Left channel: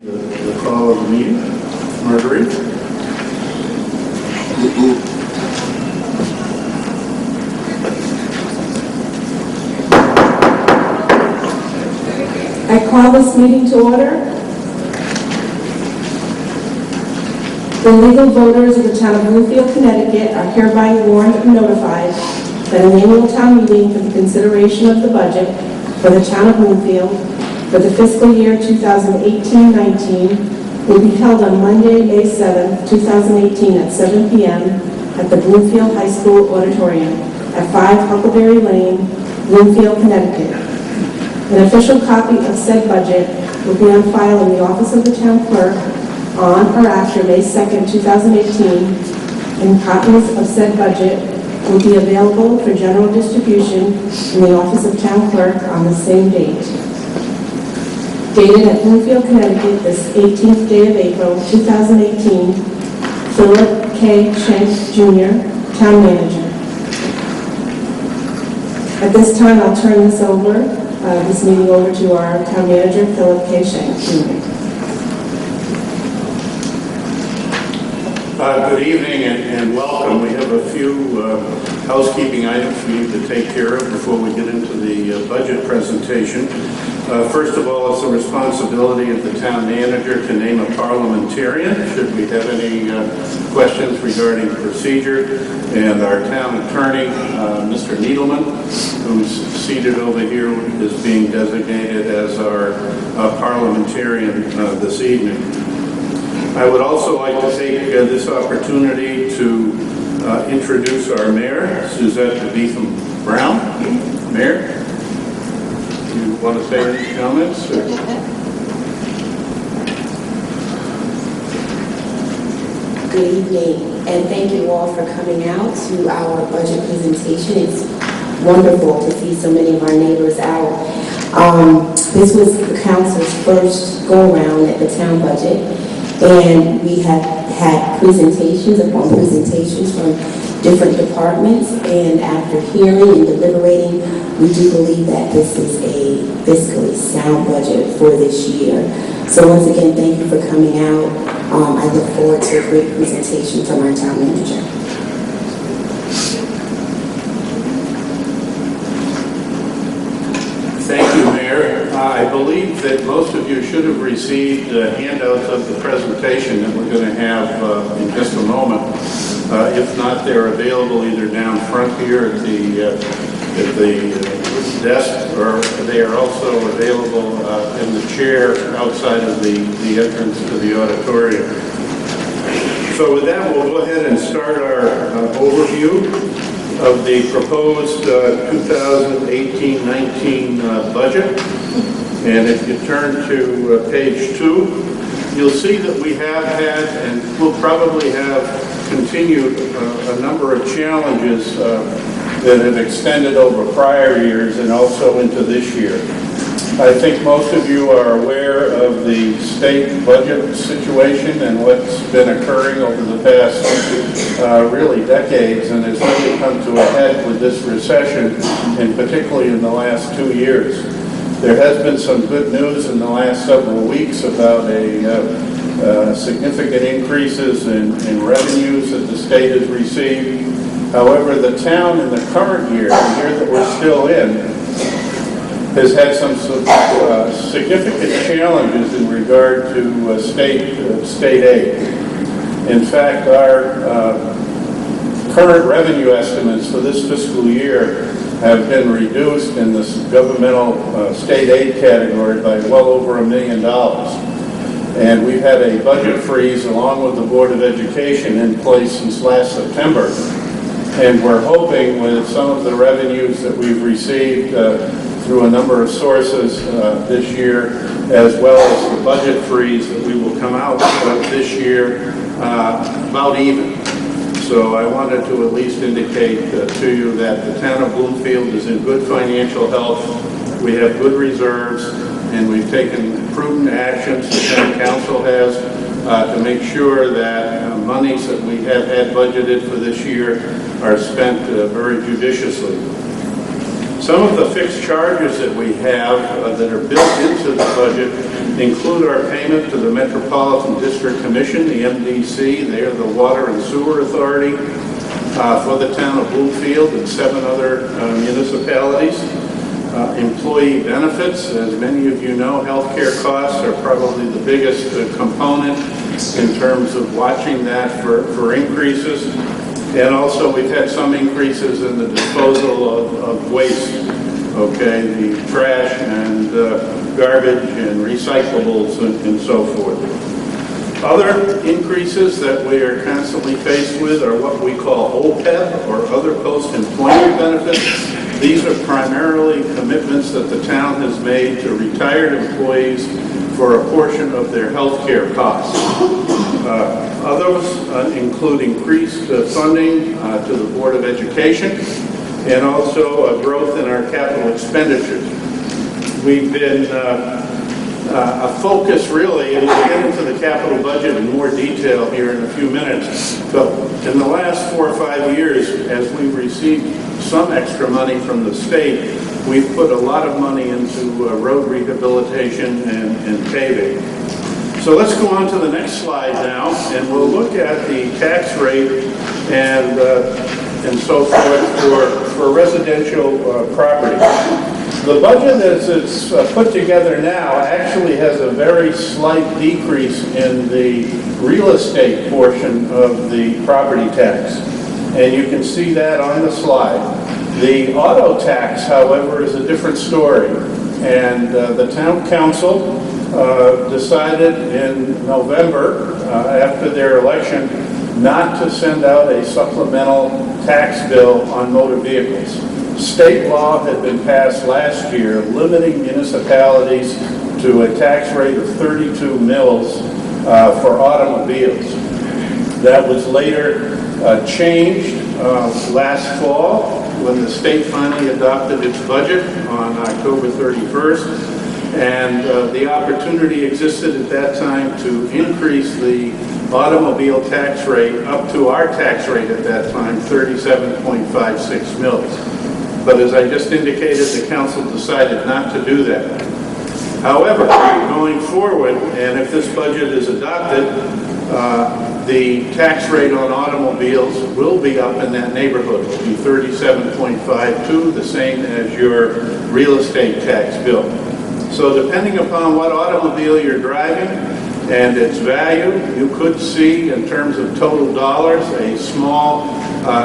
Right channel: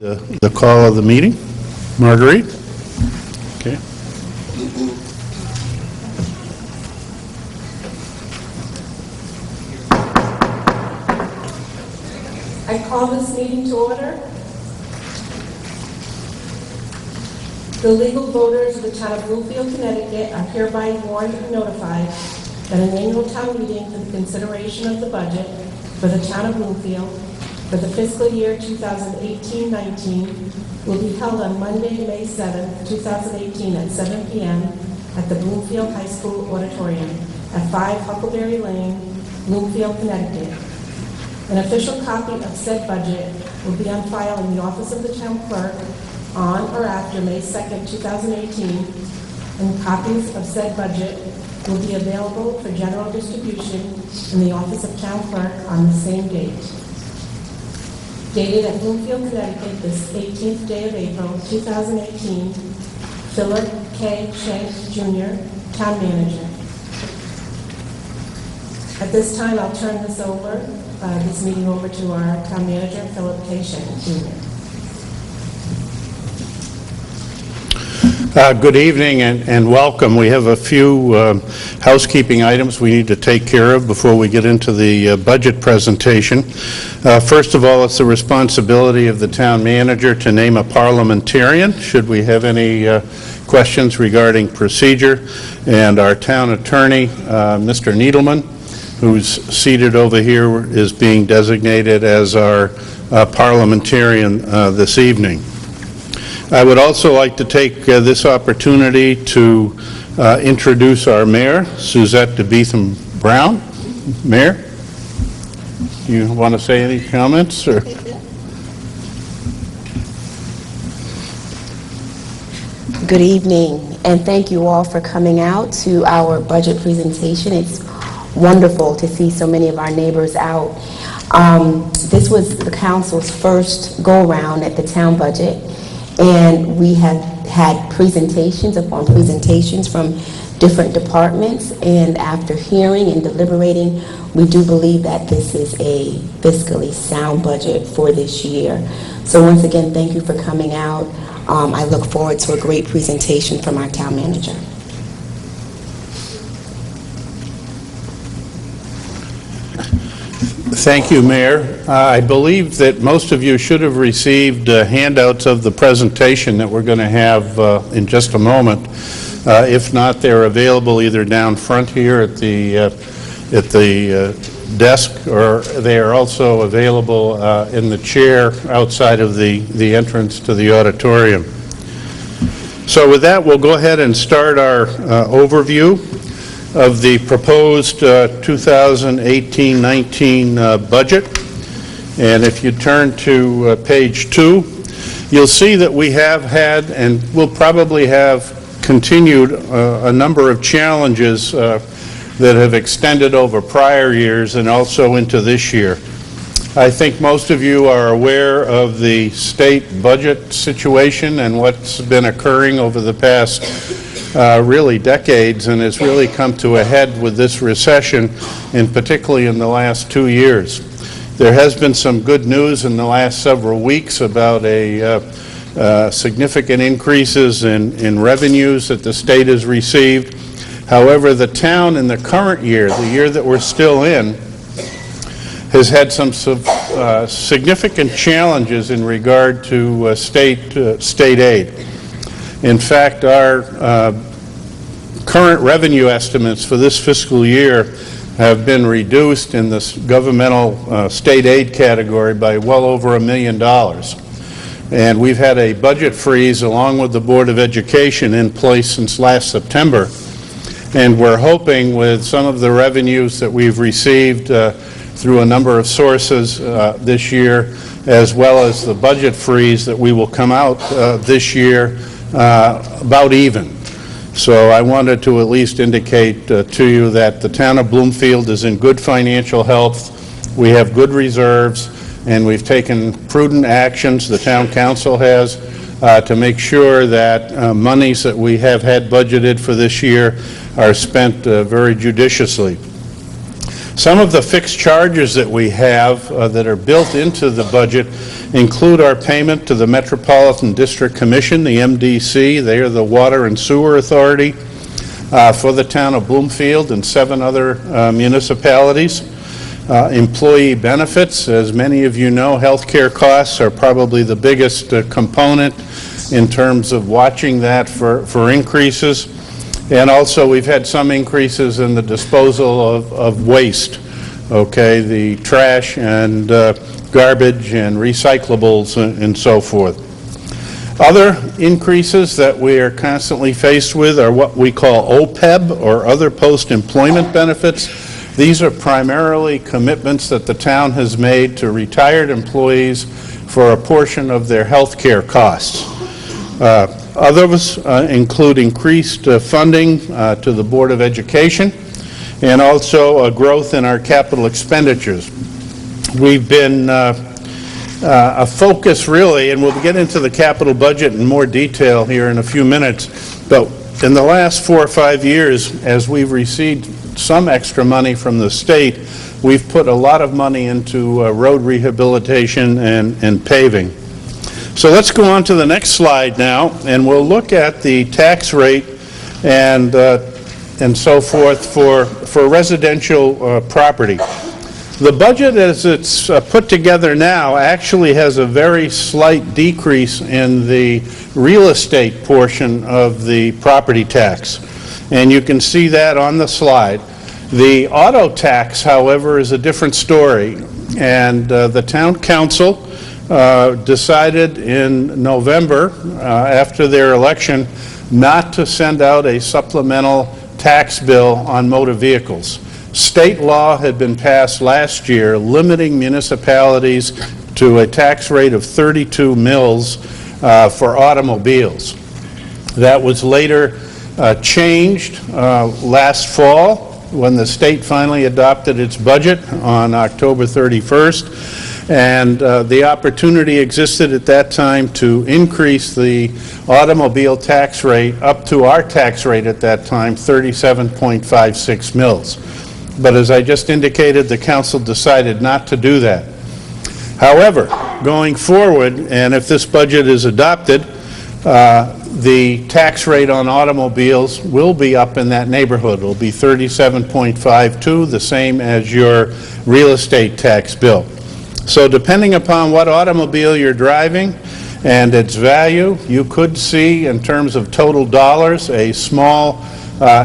The call of the meeting. Marguerite? I call this meeting to order. The legal voters of the town of Bloomfield, Connecticut are hereby warned and notified that an annual town meeting for the consideration of the budget for the town of Bloomfield for the fiscal year 2018-19 will be held on Monday, May 7, 2018 at 7 p.m. at the Bloomfield High School Auditorium at 5 Huckleberry Lane, Bloomfield, Connecticut. An official copy of said budget will be on file in the office of the town clerk on or after May 2, 2018, and copies of said budget will be available for general distribution in the office of town clerk on the same date. Dated at Bloomfield, Connecticut, this 18th day of April, 2018, Philip K. Schenk, Jr., Town Manager. At this time, I'll turn this meeting over to our Town Manager, Philip K. Schenk, Jr. Good evening and welcome. We have a few housekeeping items we need to take care of before we get into the budget presentation. First of all, it's the responsibility of the town manager to name a parliamentarian, should we have any questions regarding procedure. And our town attorney, Mr. Needleman, who's seated over here, is being designated as our parliamentarian this evening. I would also like to take this opportunity to introduce our mayor, Suzette DeBeetham Brown. Mayor? You want to say any comments? Or? Good evening, and thank you all for coming out to our budget presentation. It's wonderful to see so many of our neighbors out. This was the council's first go-around at the town budget, and we have had presentations upon presentations from different departments, and after hearing and deliberating, we do believe that this is a fiscally sound budget for this year. So once again, thank you for coming out. I look forward to a great presentation from our town manager. Thank you, Mayor. I believe that most of you should have received handouts of the presentation that we're going to have in just a moment. If not, they're available either down front here at the desk, or they are also available in the chair outside of the entrance to the auditorium. So with that, we'll go ahead and start our overview of the proposed 2018-19 budget. And if you turn to page 2, you'll see that we have had and will probably have continued a number of challenges that have extended over prior years and also into this year. I think most of you are aware of the state budget situation and what's been occurring over the past really decades, and it's really come to a head with this recession, and particularly in the last 2 years. There has been some good news in the last several weeks about significant increases in revenues that the state has received. However, the town in the current year, the year that we're still in, has had some significant challenges in regard to state aid. In fact, our current revenue estimates for this fiscal year have been reduced in this governmental state aid category by well over $1 million. And we've had a budget freeze along with the Board of Education in place since last September. And we're hoping with some of the revenues that we've received through a number of sources this year, as well as the budget freeze, that we will come out this year about even. So I wanted to at least indicate to you that the town of Bloomfield is in good financial health. We have good reserves, and we've taken prudent actions, the town council has, to make sure that monies that we have had budgeted for this year are spent very judiciously. Some of the fixed charges that we have that are built into the budget include our payment to the Metropolitan District Commission, the MDC. They are the Water and Sewer Authority for the town of Bloomfield and 7 other municipalities. Employee benefits, as many of you know, healthcare costs are probably the biggest component in terms of watching that for increases. And also we've had some increases in the disposal of waste, okay, the trash and garbage and recyclables and so forth. Other increases that we are constantly faced with are what we call OPEB, or other post-employment benefits. These are primarily commitments that the town has made to retired employees for a portion of their health care costs. Others include increased funding to the Board of Education and also a growth in our capital expenditures. We've been a focus really, and we'll get into the capital budget in more detail here in a few minutes, but in the last 4 or 5 years, as we've received some extra money from the state, we've put a lot of money into road rehabilitation and paving. So let's go on to the next slide now, and we'll look at the tax rate and so forth for residential property. The budget as it's put together now actually has a very slight decrease in the real estate portion of the property tax. And you can see that on the slide. The auto tax, however, is a different story. And the town council decided in November, after their election, not to send out a supplemental tax bill on motor vehicles. State law had been passed last year limiting municipalities to a tax rate of 32 mils for automobiles. That was later changed last fall when the state finally adopted its budget on October 31st, and the opportunity existed at that time to increase the automobile tax rate up to our tax rate at that time, 37.56 mils. But as I just indicated, the council decided not to do that. However, going forward, and if this budget is adopted, the tax rate on automobiles will be up in that neighborhood. It will be 37.52, the same as your real estate tax bill. So depending upon what automobile you're driving and its value, you could see, in terms of total dollars, a small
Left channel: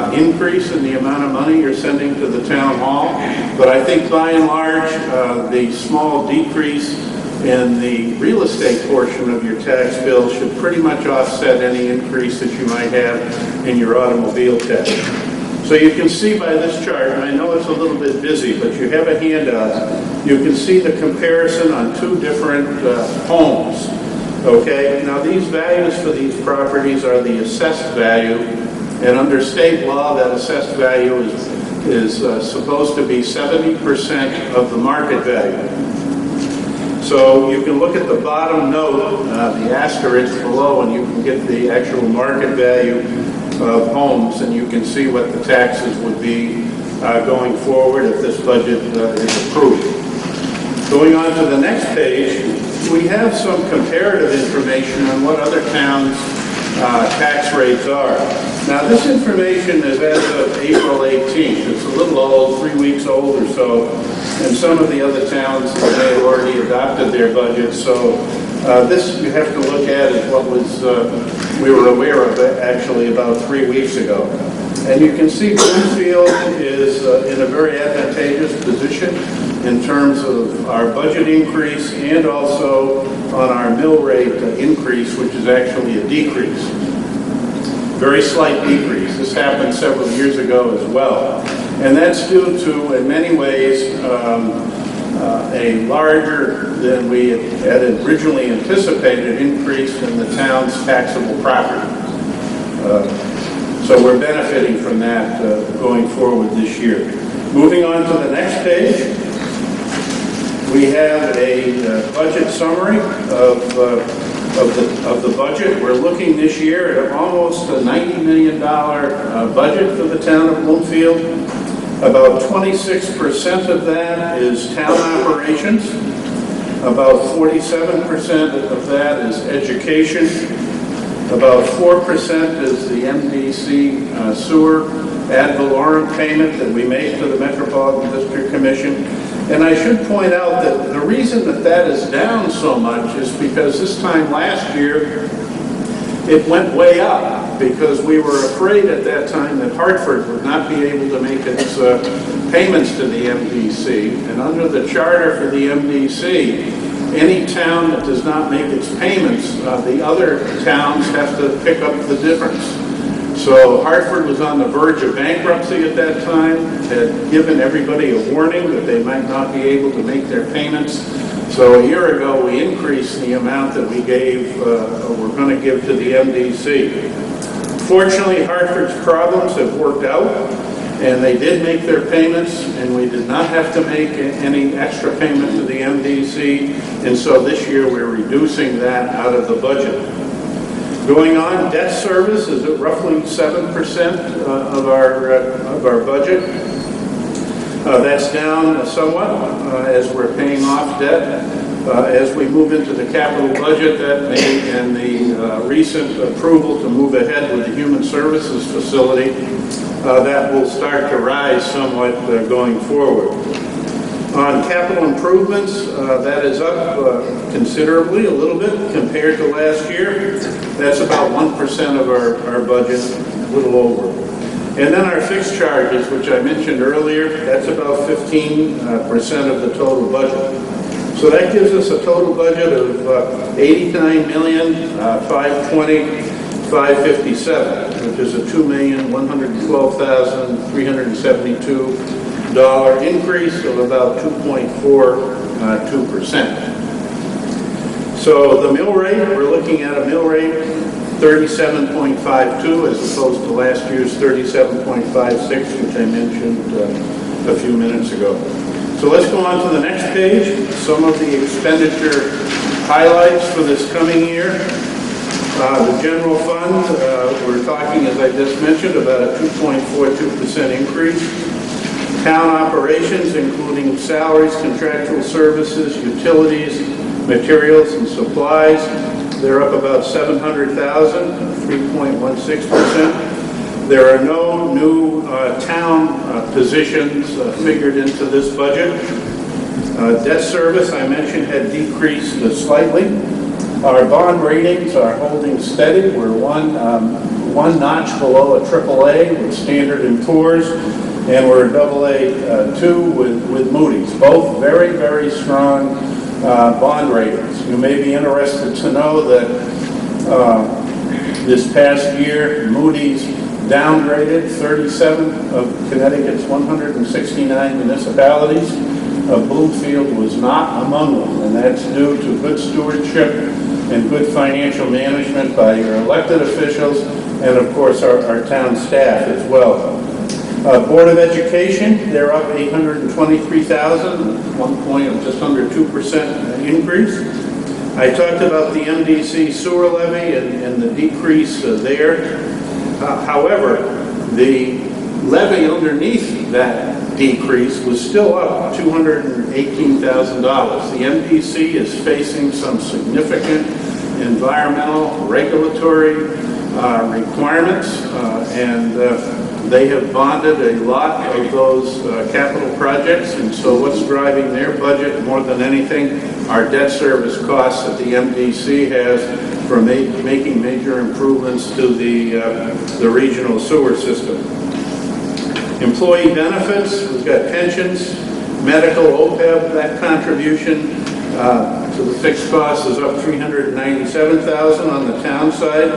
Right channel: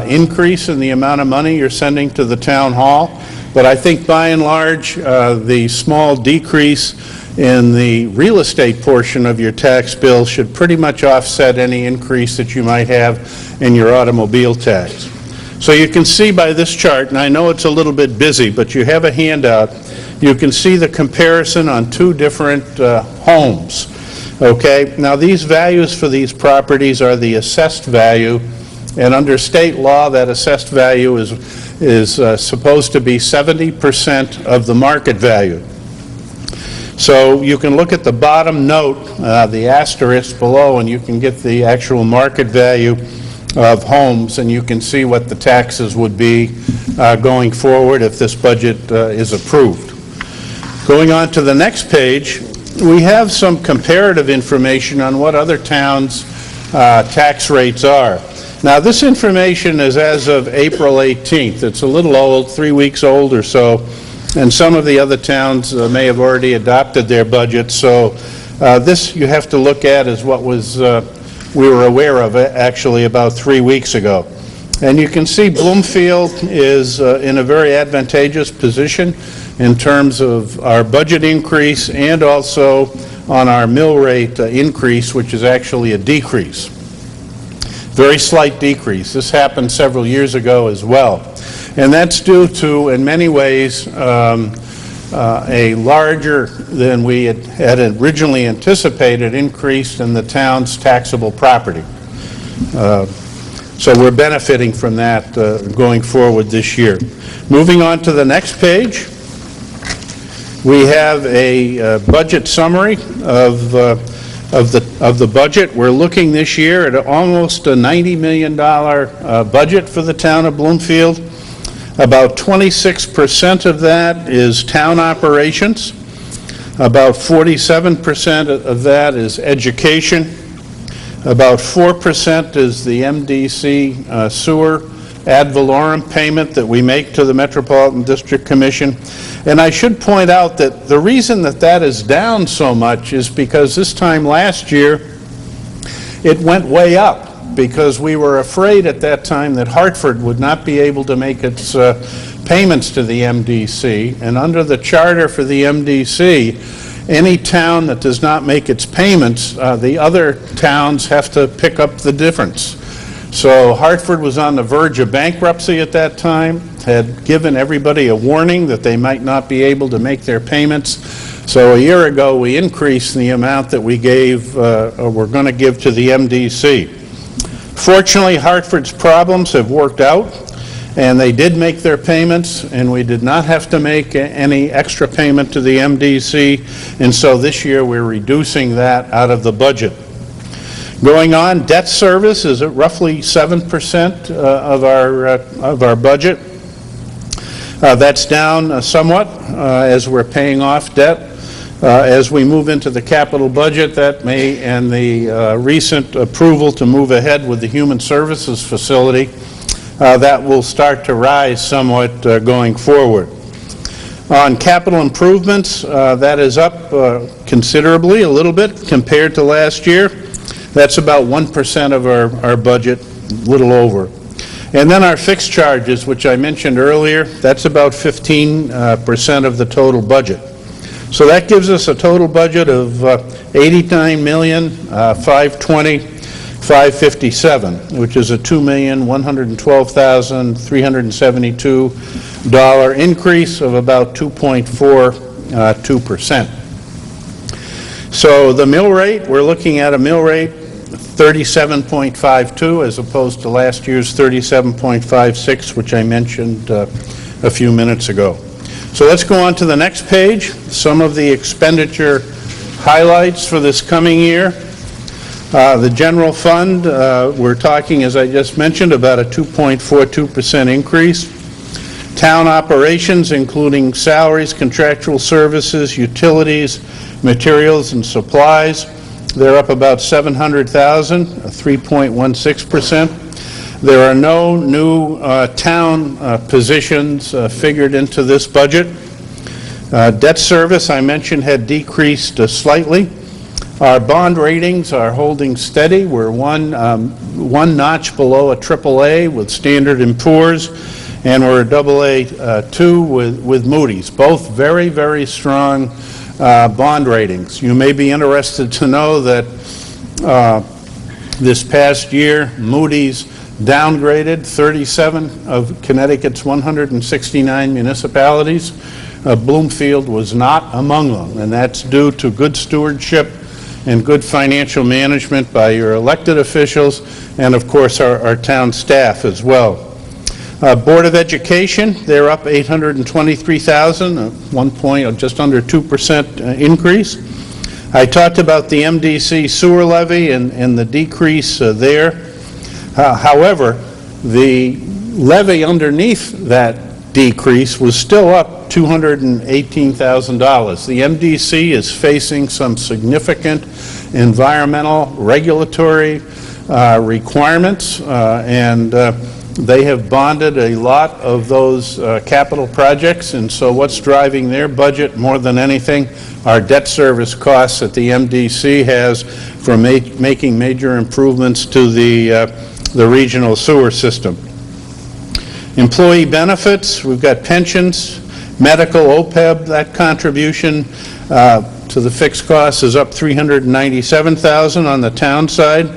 increase in the amount of money you're sending to the town hall. But I think by and large, the small decrease in the real estate portion of your tax bill should pretty much offset any increase that you might have in your automobile tax. So you can see by this chart, and I know it's a little bit busy, but you have a handout, you can see the comparison on 2 different homes. Okay, now these values for these properties are the assessed value, and under state law that assessed value is supposed to be 70% of the market value. So you can look at the bottom note, the asterisk below, and you can get the actual market value of homes, and you can see what the taxes would be going forward if this budget is approved. Going on to the next page, we have some comparative information on what other towns' tax rates are. Now, this information is as of April 18th. It's a little old, 3 weeks old or so, and some of the other towns may have already adopted their budgets. So this you have to look at as what was we were aware of it actually about 3 weeks ago. And you can see Bloomfield is in a very advantageous position in terms of our budget increase and also on our mill rate increase, which is actually a decrease. Very slight decrease. This happened several years ago as well. And that's due to, in many ways, a larger than we had originally anticipated increase in the town's taxable property. So we're benefiting from that going forward this year. Moving on to the next page, we have a budget summary of the budget. We're looking this year at almost a $90 million budget for the town of Bloomfield. About 26% of that is town operations, About 47% of that is education. About 4% is the MDC sewer ad valorem payment that we make to the Metropolitan District Commission. And I should point out that the reason that that is down so much is because this time last year, it went way up because we were afraid at that time that Hartford would not be able to make its payments to the MDC. And under the charter for the MDC, any town that does not make its payments, the other towns have to pick up the difference. So Hartford was on the verge of bankruptcy at that time, had given everybody a warning that they might not be able to make their payments. So a year ago, we increased the amount that we gave, or we're going to give to the MDC. Fortunately, Hartford's problems have worked out, and they did make their payments, and we did not have to make any extra payment to the MDC, and so this year we're reducing that out of the budget. Going on, debt service is at roughly 7% of our budget. That's down somewhat as we're paying off debt. As we move into the capital budget, that may, and the recent approval to move ahead with the human services facility, that will start to rise somewhat going forward. On capital improvements, that is up considerably, a little bit compared to last year. That's about 1% of our budget, a little over. And then our fixed charges, which I mentioned earlier, that's about 15% of the total budget. So that gives us a total budget of $89,520,557, which is a $2,112,372 increase of about 2.42%. So the mill rate, we're looking at a mill rate 37.52 as opposed to last year's 37.56, which I mentioned a few minutes ago. So let's go on to the next page, some of the expenditure highlights for this coming year. The general fund, we're talking, as I just mentioned, about a 2.42% increase. Town operations, including salaries, contractual services, utilities, materials and supplies, they're up about $700,000, 3.16%. There are no new town positions figured into this budget. Debt service, I mentioned, had decreased slightly. Our bond ratings are holding steady. We're one notch below a AAA with Standard & Poor's, and we're a AA2 with Moody's. Both very, very strong bond ratings. You may be interested to know that this past year, Moody's downgraded 37 of Connecticut's 169 municipalities. Bloomfield was not among them, and that's due to good stewardship and good financial management by your elected officials and, of course, our town staff as well. Board of Education, they're up $823,000, 1 point, just under 2% increase. I talked about the MDC sewer levy and the decrease there. However, the levy underneath that decrease was still up $218,000. The MDC is facing some significant environmental regulatory requirements, and they have bonded a lot of those capital projects, and so what's driving their budget more than anything are debt service costs that the MDC has for making major improvements to the regional sewer system. Employee benefits, we've got pensions, medical, OPEB, that contribution to the fixed costs is up $397,000 on the town side.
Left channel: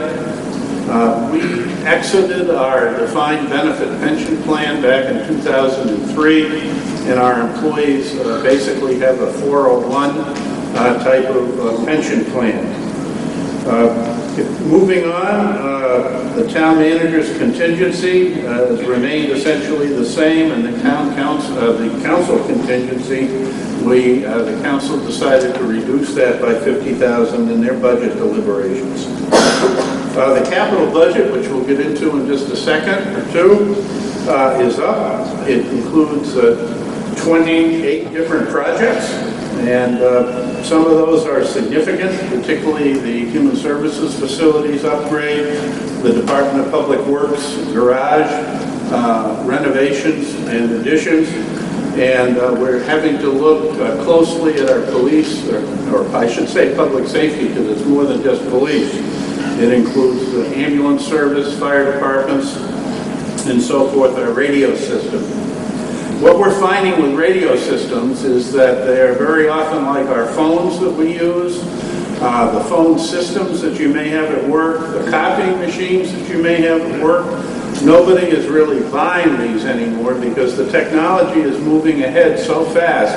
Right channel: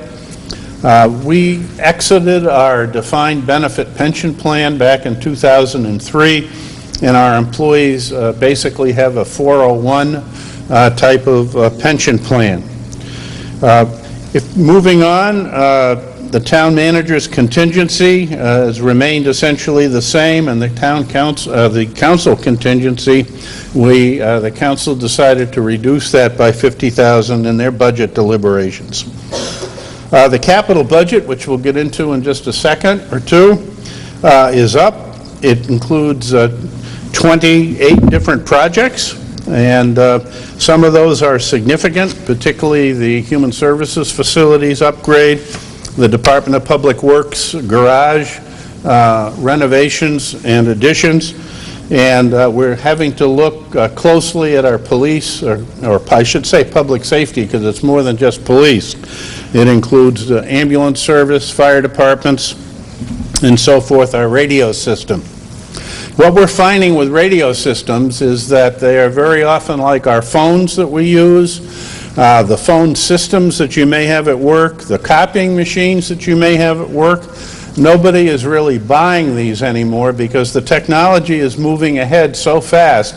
We exited our defined benefit pension plan back in 2003, and our employees basically have a 401 type of pension plan. Moving on, the town manager's contingency has remained essentially the same, and the council contingency, the council decided to reduce that by $50,000 in their budget deliberations. The capital budget, which we'll get into in just a second or two, is up. It includes 28 different projects. And some of those are significant, particularly the Human Services Facilities upgrade, the Department of Public Works garage renovations and additions. And we're having to look closely at our police, or I should say public safety, because it's more than just police. It includes the ambulance service, fire departments, and so forth, our radio system. What we're finding with radio systems is that they are very often like our phones that we use, the phone systems that you may have at work, the copying machines that you may have at work. Nobody is really buying these anymore because the technology is moving ahead so fast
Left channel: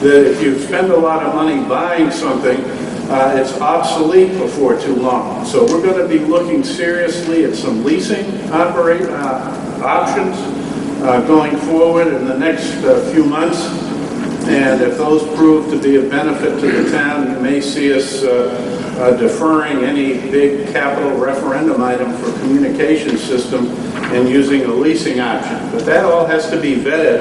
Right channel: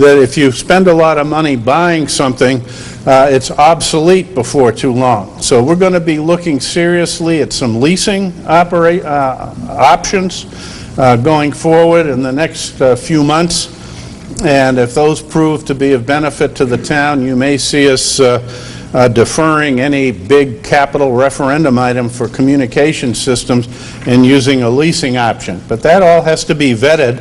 that if you spend a lot of money buying something, it's obsolete before too long. So we're going to be looking seriously at some leasing options going forward in the next few months. And if those prove to be of benefit to the town, you may see us deferring any big capital referendum item for communication systems and using a leasing option. But that all has to be vetted,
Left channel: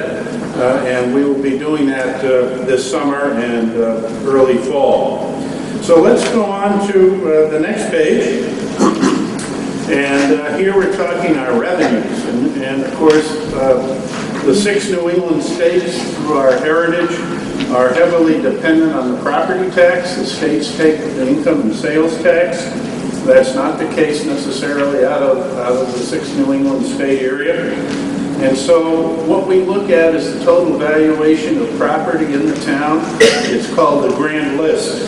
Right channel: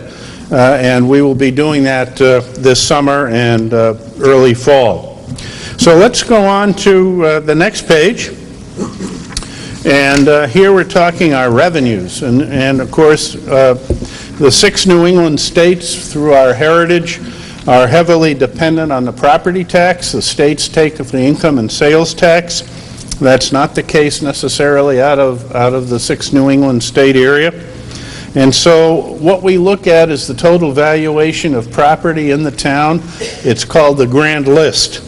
and we will be doing that this summer and early fall. So let's go on to the next page. And here we're talking our revenues. And of course, the 6 New England states, through our heritage, are heavily dependent on the property tax. The states take the income and sales tax. That's not the case necessarily out of the 6 New England state area. And so what we look at is the total valuation of property in the town. It's called the grand list.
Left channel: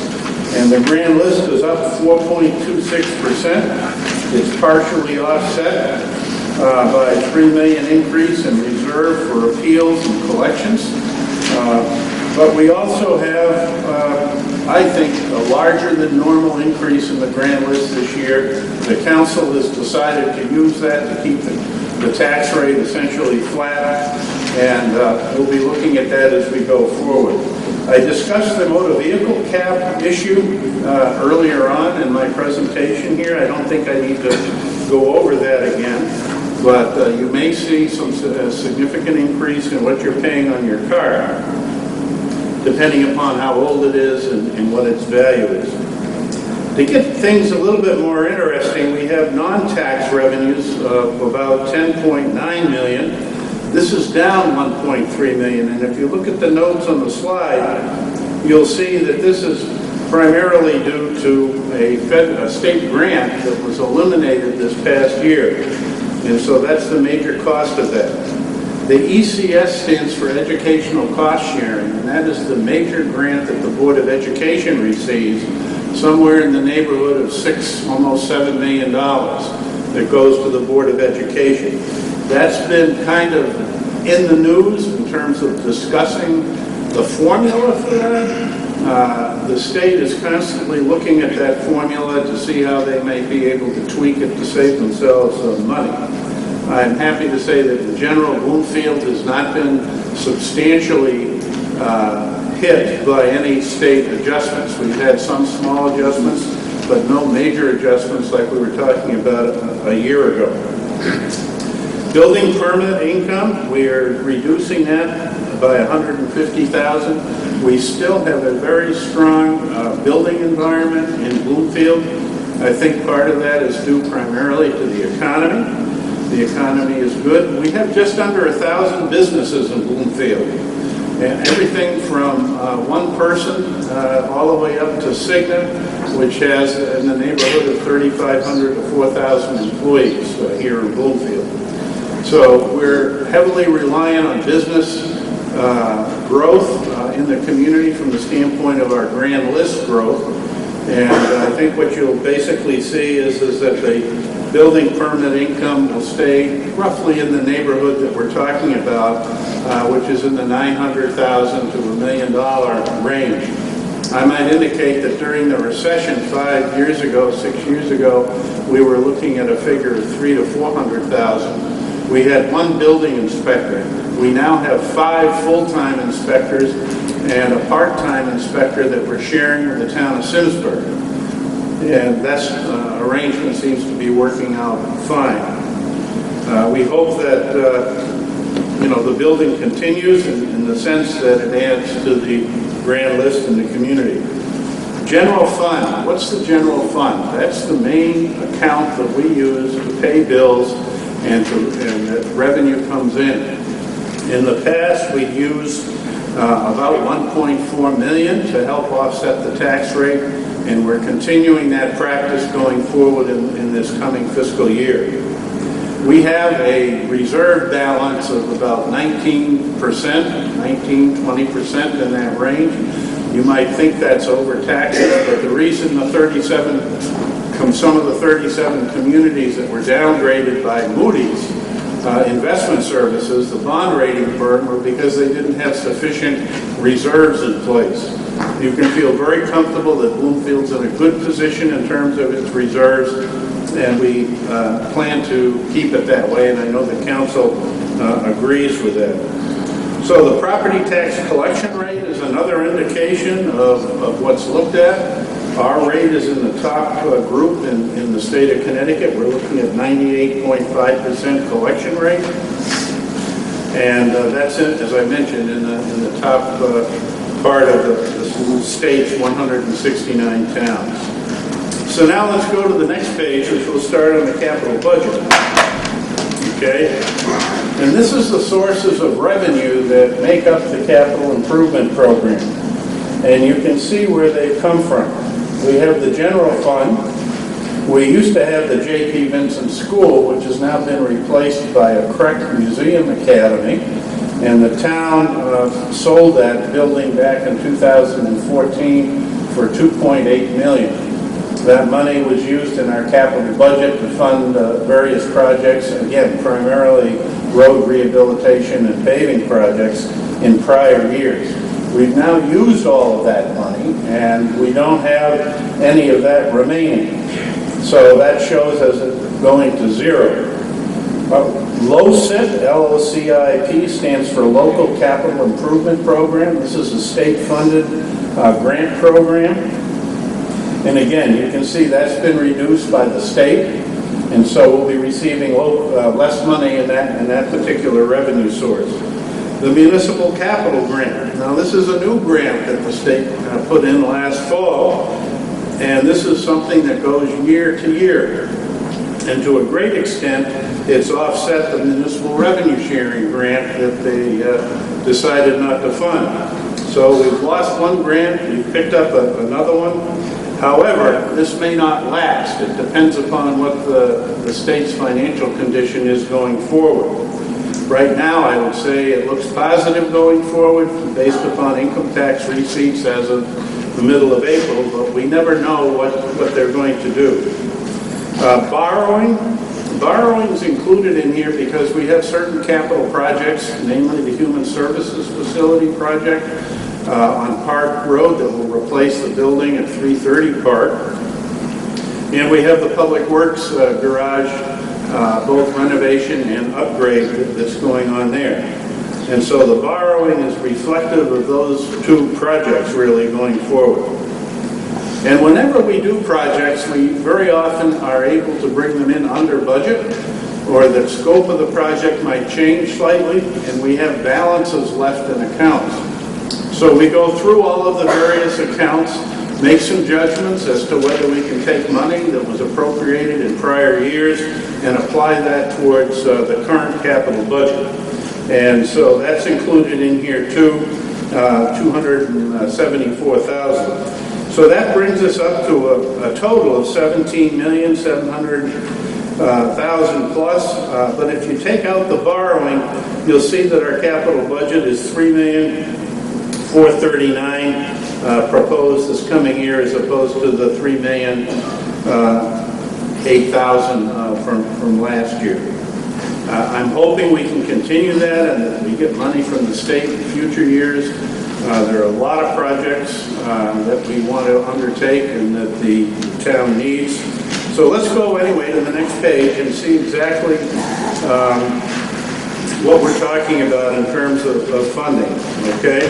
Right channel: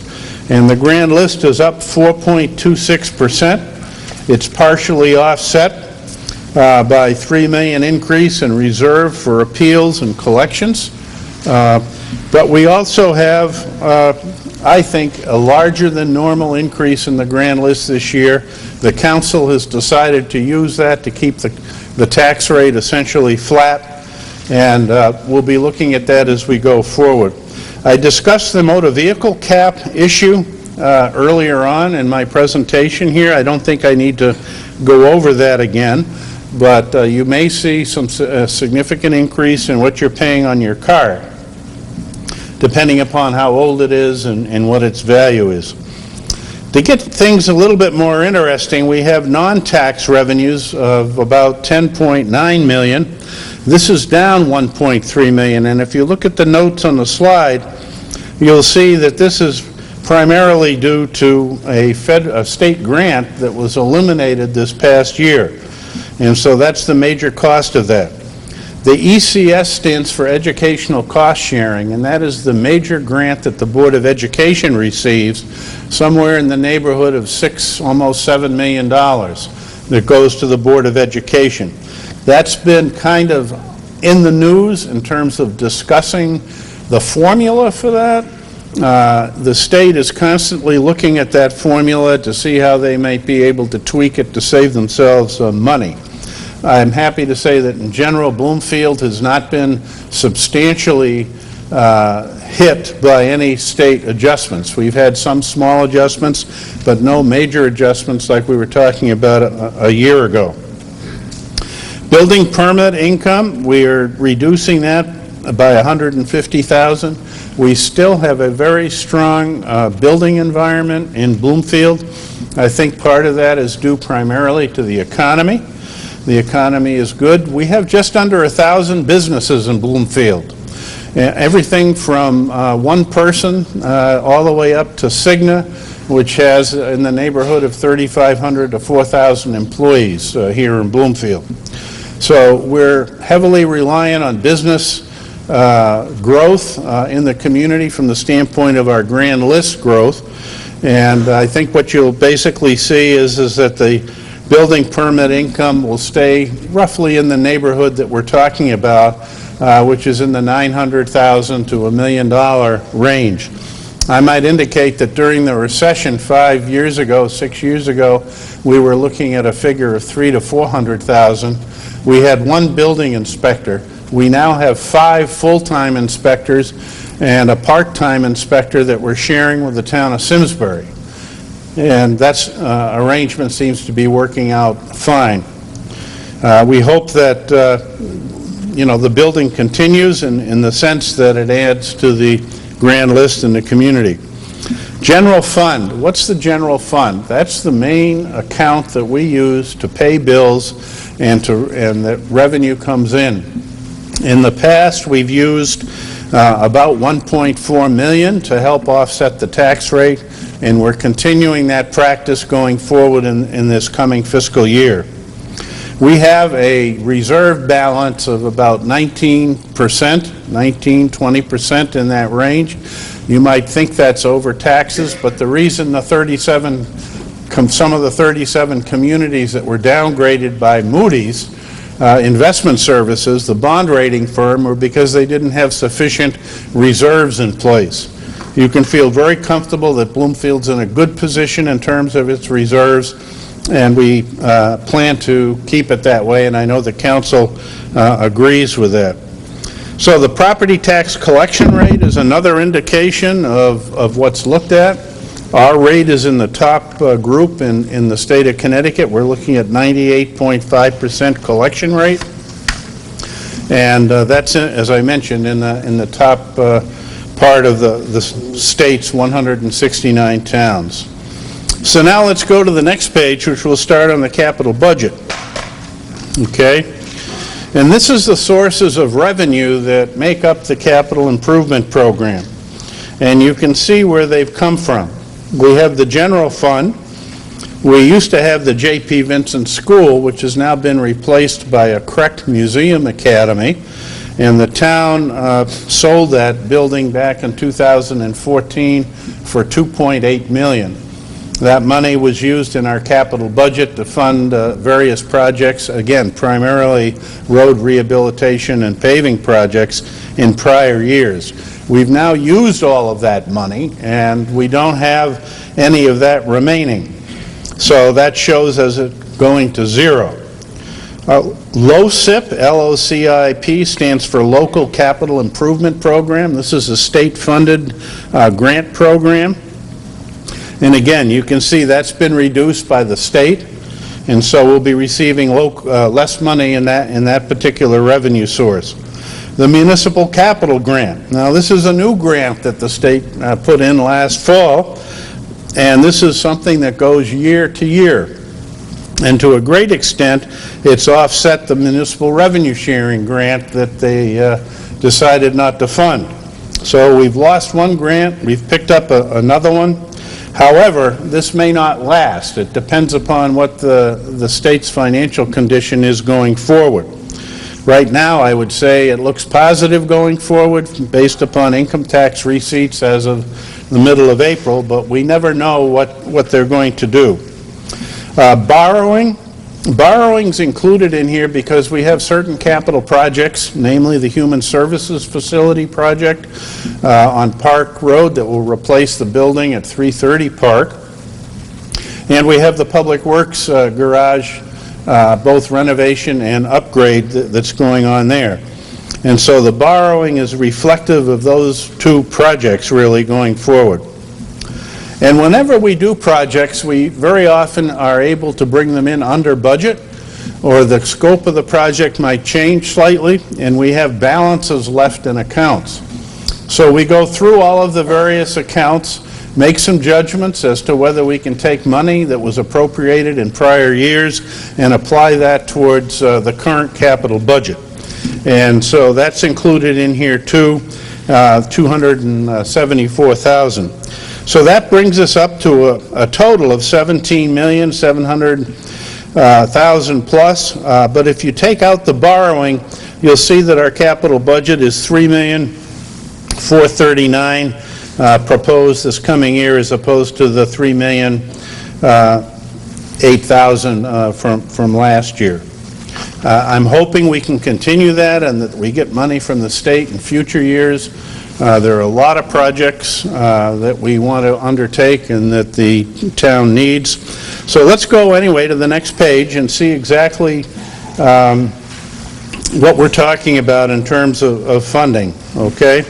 And the grand list is up 4.26%. It's partially offset by a $3 million increase in reserve for appeals and collections. But we also have, I think, a larger than normal increase in the grand list this year. The council has decided to use that to keep the tax rate essentially flat, and we'll be looking at that as we go forward. I discussed the motor vehicle cap issue earlier on in my presentation here. I don't think I need to go over that again, but you may see some significant increase in what you're paying on your car, depending upon how old it is and what its value is. To get things a little bit more interesting, we have non-tax revenues of about $10.9 million. This is down $1.3 million, and if you look at the notes on the slide, you'll see that this is primarily due to a state grant that was eliminated this past year. And so that's the major cost of that. The ECS stands for Educational Cost Sharing, and that is the major grant that the Board of Education receives, somewhere in the neighborhood of almost $7 million that goes to the Board of Education. That's been kind of in the news in terms of discussing the formula for that. The state is constantly looking at that formula to see how they might be able to tweak it to save themselves money. I'm happy to say that in general, Bloomfield has not been substantially hit by any state adjustments. We've had some small adjustments, but no major adjustments like we were talking about a year ago. Building permit income, we are reducing that by $150,000. We still have a very strong building environment in Bloomfield. I think part of that is due primarily to the economy. The economy is good. We have just under 1,000 businesses in Bloomfield. Everything from one person all the way up to Cigna, which has in the neighborhood of 3,500 to 4,000 employees here in Bloomfield. So we're heavily reliant on business growth in the community from the standpoint of our grand list growth. And I think what you'll basically see is that the building permit income will stay roughly in the neighborhood that we're talking about, which is in the $900,000 to $1 million range. I might indicate that during the recession 6 years ago, we were looking at a figure of $300,000 to $400,000. We had one building inspector. We now have 5 full-time inspectors and a part-time inspector that we're sharing with the town of Simsbury. And that arrangement seems to be working out fine. We hope that the building continues in the sense that it adds to the grand list in the community. General fund. What's the general fund? That's the main account that we use to pay bills and that revenue comes in. In the past, we've used about $1.4 million to help offset the tax rate, and we're continuing that practice going forward in this coming fiscal year. We have a reserve balance of about 19-20% in that range. You might think that's over taxes, but the reason some of the 37 communities that were downgraded by Moody's Investment Services, the bond rating firm, were because they didn't have sufficient reserves in place. You can feel very comfortable that Bloomfield's in a good position in terms of its reserves, and we plan to keep it that way, and I know the council agrees with that. So the property tax collection rate is another indication of what's looked at. Our rate is in the top group in the state of Connecticut. We're looking at 98.5% collection rate. And that's, as I mentioned, in the top part of the state's 169 towns. So now let's go to the next page, which will start on the capital budget. Okay? And this is the sources of revenue that make up the capital improvement program. And you can see where they've come from. We have the general fund. We used to have the J.P. Vincent School, which has now been replaced by a Crecht Museum Academy. And the town sold that building back in 2014 for $2.8 million. That money was used in our capital budget to fund various projects, again, primarily road rehabilitation and paving projects in prior years. We've now used all of that money, and we don't have any of that remaining. So that shows as it going to zero. LOCIP, L-O-C-I-P, stands for Local Capital Improvement Program. This is a state-funded grant program. And again, you can see that's been reduced by the state, and so we'll be receiving less money in that particular revenue source. The Municipal Capital Grant. Now, this is a new grant that the state put in last fall, and this is something that goes year to year. And to a great extent, it's offset the municipal revenue sharing grant that they decided not to fund. So we've lost one grant, we've picked up another one. However, this may not last. It depends upon what the state's financial condition is going forward. Right now, I would say it looks positive going forward based upon income tax receipts as of the middle of April, but we never know what they're going to do. Borrowing's included in here because we have certain capital projects, namely the Human Services Facility project on Park Road that will replace the building at 330 Park. And we have the Public Works garage, both renovation and upgrade that's going on there. And so the borrowing is reflective of those two projects really going forward. And whenever we do projects, we very often are able to bring them in under budget, or the scope of the project might change slightly, and we have balances left in accounts. So we go through all of the various accounts, make some judgments as to whether we can take money that was appropriated in prior years and apply that towards the current capital budget. And so that's included in here too, $274,000. So that brings us up to a total of $17,700,000 plus. But if you take out the borrowing, you'll see that our capital budget is $3,439,000 proposed this coming year, as opposed to the $3,008,000 from last year. I'm hoping we can continue that and that we get money from the state in future years. There are a lot of projects that we want to undertake and that the town needs. So let's go anyway to the next page and see exactly what we're talking about in terms of funding, okay?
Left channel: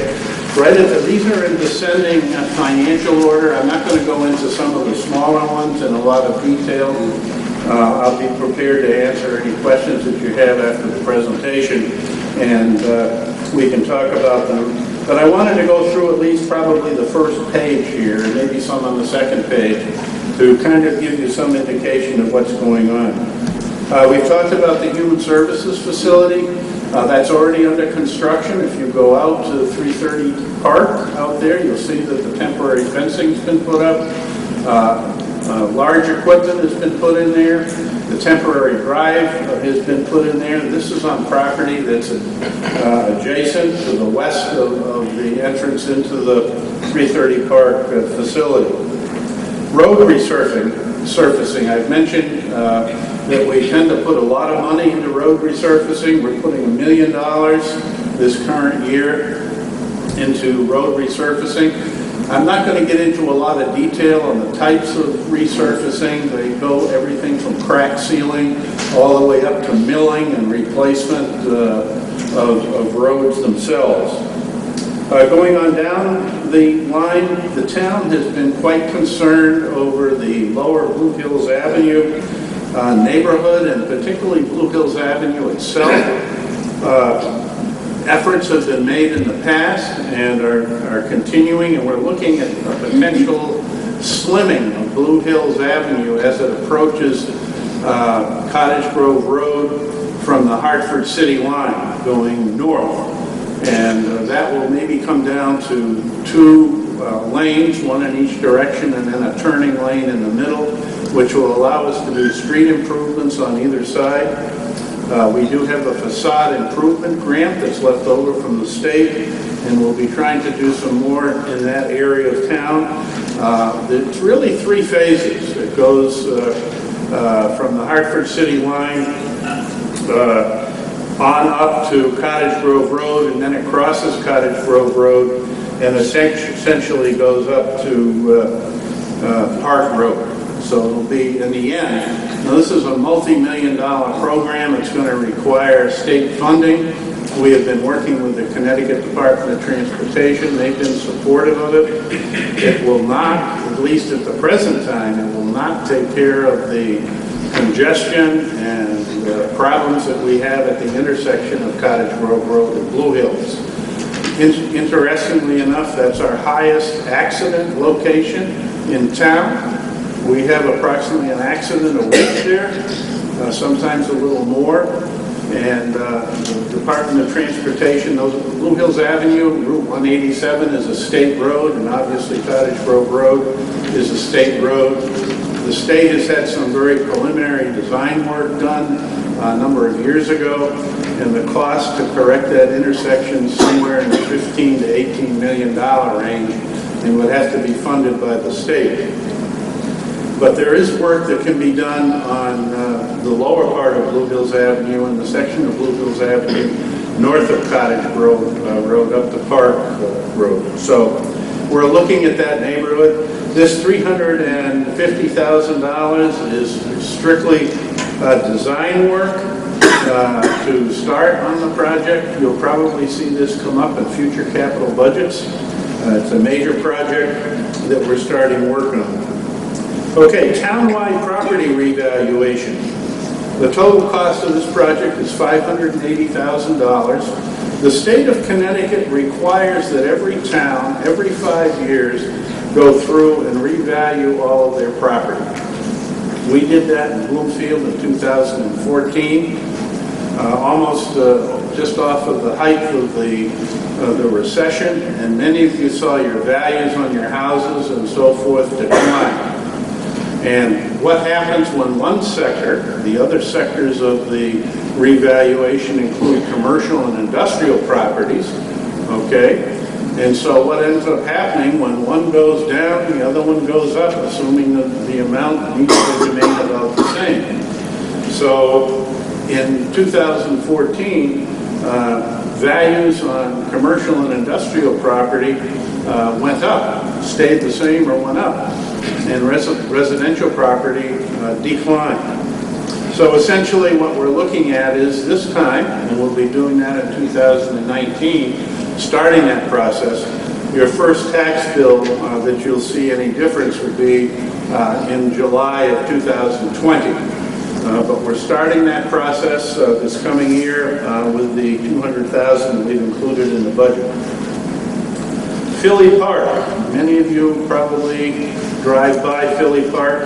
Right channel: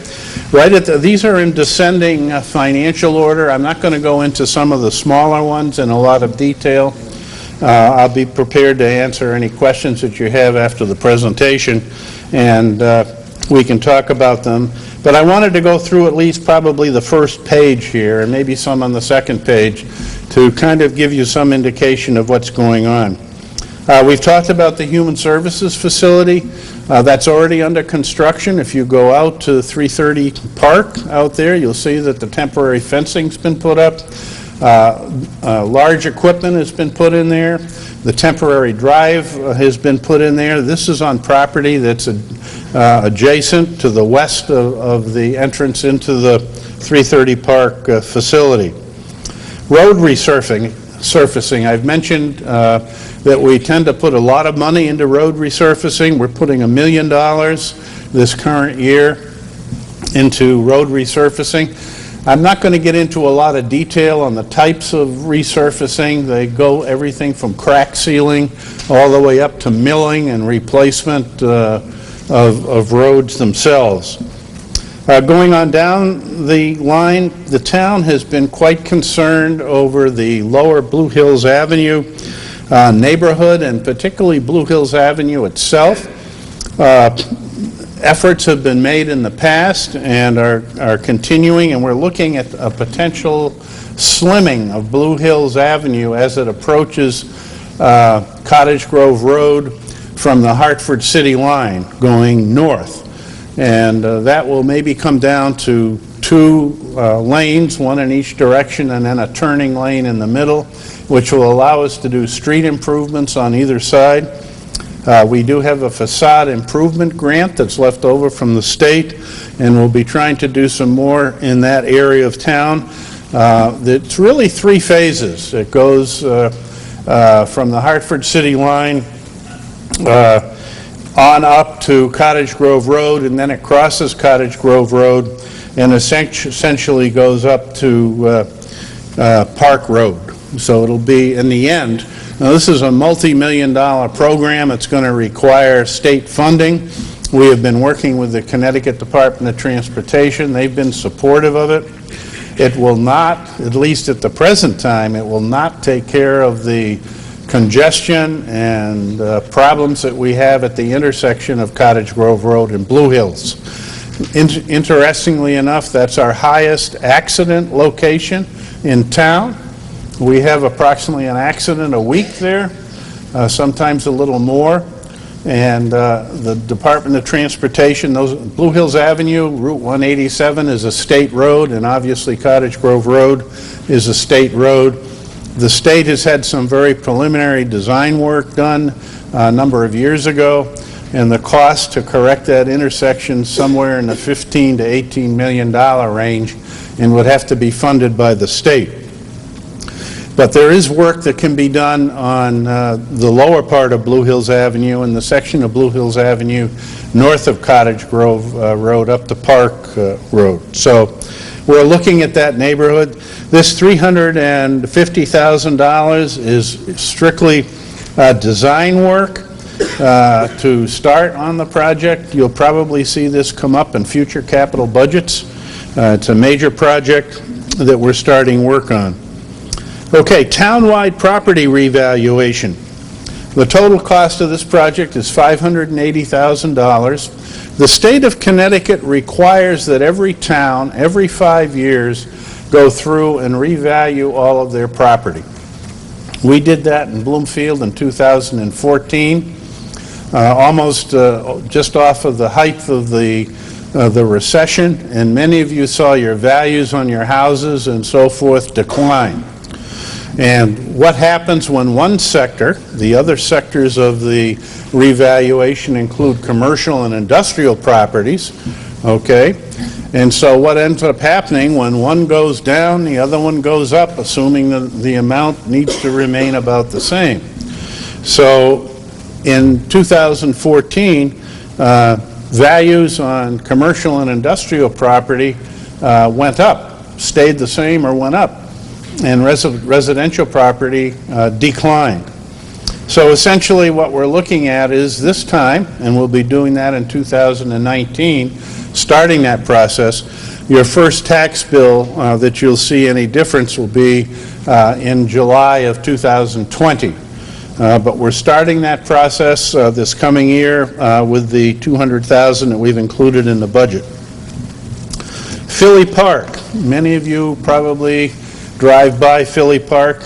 These are in descending financial order. I'm not going to go into some of the smaller ones in a lot of detail. I'll be prepared to answer any questions that you have after the presentation, and we can talk about them. But I wanted to go through at least probably the first page here, and maybe some on the second page, to kind of give you some indication of what's going on. We've talked about the Human Services Facility. That's already under construction. If you go out to 330 Park out there, you'll see that the temporary fencing's been put up. Large equipment has been put in there. The temporary drive has been put in there. This is on property that's adjacent to the west of the entrance into the 330 Park facility. Road resurfacing. I've mentioned that we tend to put a lot of money into road resurfacing. We're putting $1 million this current year into road resurfacing. I'm not going to get into a lot of detail on the types of resurfacing. They go everything from crack sealing all the way up to milling and replacement of roads themselves. Going on down the line, the town has been quite concerned over the lower Blue Hills Avenue neighborhood, and particularly Blue Hills Avenue itself. Efforts have been made in the past and are continuing, and we're looking at a potential slimming of Blue Hills Avenue as it approaches Cottage Grove Road from the Hartford City line going north. And that will maybe come down to 2 lanes, one in each direction, and then a turning lane in the middle, which will allow us to do street improvements on either side. We do have a facade improvement grant that's left over from the state, and we'll be trying to do some more in that area of town. It's really 3 phases. It goes from the Hartford City line on up to Cottage Grove Road, and then it crosses Cottage Grove Road and essentially goes up to Park Road. So it'll be, in the end, now this is a multi-million-dollar program. It's going to require state funding. We have been working with the Connecticut Department of Transportation. They've been supportive of it. It will not, at least at the present time, it will not take care of the congestion and problems that we have at the intersection of Cottage Grove Road and Blue Hills. Interestingly enough, that's our highest accident location in town. We have approximately an accident a week there, sometimes a little more. And the Department of Transportation, Blue Hills Avenue, Route 187 is a state road, and obviously Cottage Grove Road is a state road. The state has had some very preliminary design work done a number of years ago, and the cost to correct that intersection somewhere in the $15 to $18 million range, and would have to be funded by the state. But there is work that can be done on the lower part of Blue Hills Avenue and the section of Blue Hills Avenue north of Cottage Grove Road up to Park Road. So we're looking at that neighborhood. This $350,000 is strictly design work to start on the project. You'll probably see this come up in future capital budgets. It's a major project that we're starting work on. Okay, townwide property revaluation. The total cost of this project is $580,000. The state of Connecticut requires that every town, every 5 years, go through and revalue all of their property. We did that in Bloomfield in 2014, almost just off of the height of the recession, and many of you saw your values on your houses and so forth decline. And what happens when one sector, the other sectors of the revaluation include commercial and industrial properties, okay? And so what ends up happening when one goes down, the other one goes up, assuming that the amount needs to remain about the same. So in 2014, values on commercial and industrial property went up, stayed the same or went up, and residential property declined. So essentially what we're looking at is this time, and we'll be doing that in 2019, starting that process, your first tax bill that you'll see any difference will be in July of 2020. But we're starting that process this coming year with the $200,000 that we've included in the budget. Philly Park. Many of you probably drive by Philly Park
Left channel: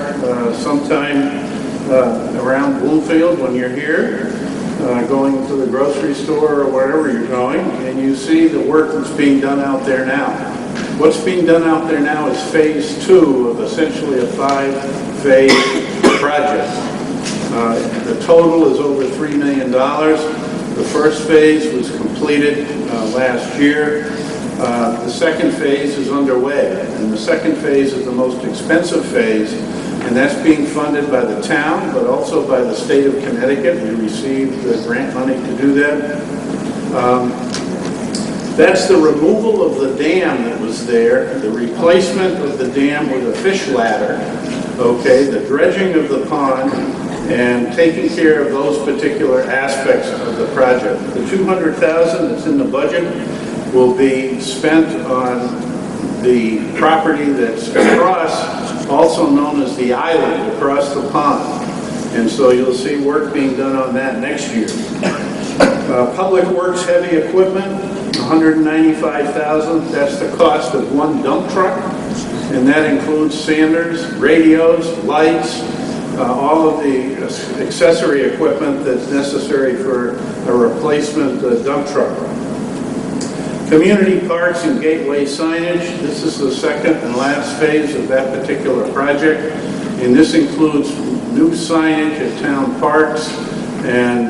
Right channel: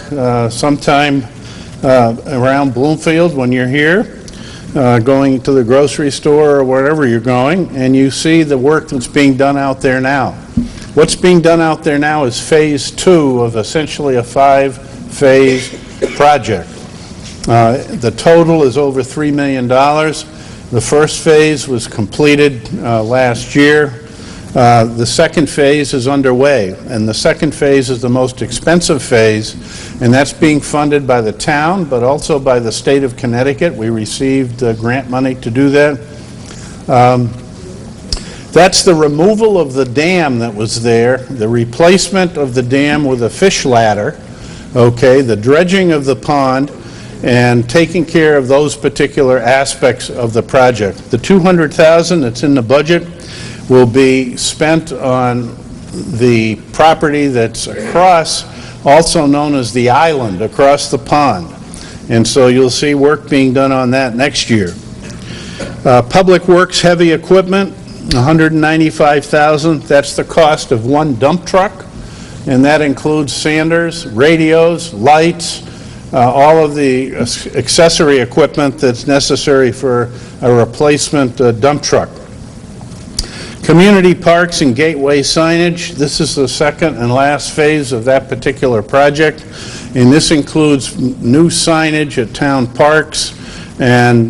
sometime around Bloomfield when you're here, going to the grocery store or wherever you're going, and you see the work that's being done out there now. What's being done out there now is phase 2 of essentially a 5-phase project. The total is over $3 million. The first phase was completed last year. The second phase is underway, and the second phase is the most expensive phase, and that's being funded by the town, but also by the state of Connecticut. We received grant money to do that. That's the removal of the dam that was there, the replacement of the dam with a fish ladder, okay, the dredging of the pond, and taking care of those particular aspects of the project. The $200,000 that's in the budget will be spent on the property that's across, also known as the island, across the pond. And so you'll see work being done on that next year. Public Works heavy equipment, $195,000. That's the cost of one dump truck, and that includes sanders, radios, lights, all of the accessory equipment that's necessary for a replacement dump truck. Community parks and gateway signage. This is the second and last phase of that particular project, and this includes new signage at town parks and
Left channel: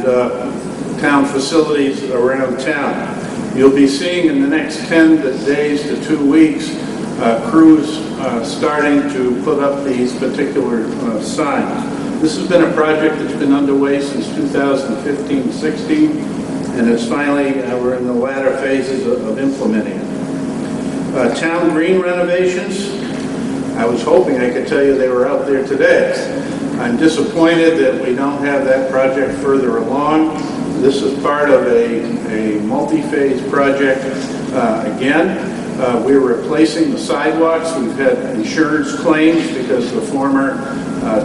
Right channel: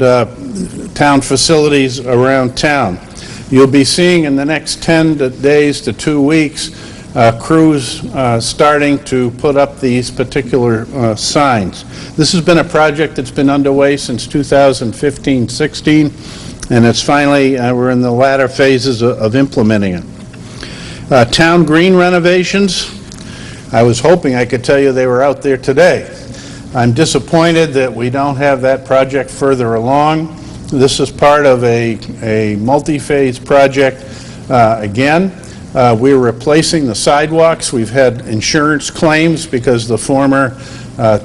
town facilities around town. You'll be seeing in the next 10 days to 2 weeks crews starting to put up these particular signs. This has been a project that's been underway since 2015-16, and it's finally, we're in the latter phases of implementing it. Town green renovations. I was hoping I could tell you they were out there today. I'm disappointed that we don't have that project further along. This is part of a multi-phase project. Again, we're replacing the sidewalks. We've had insurance claims because the former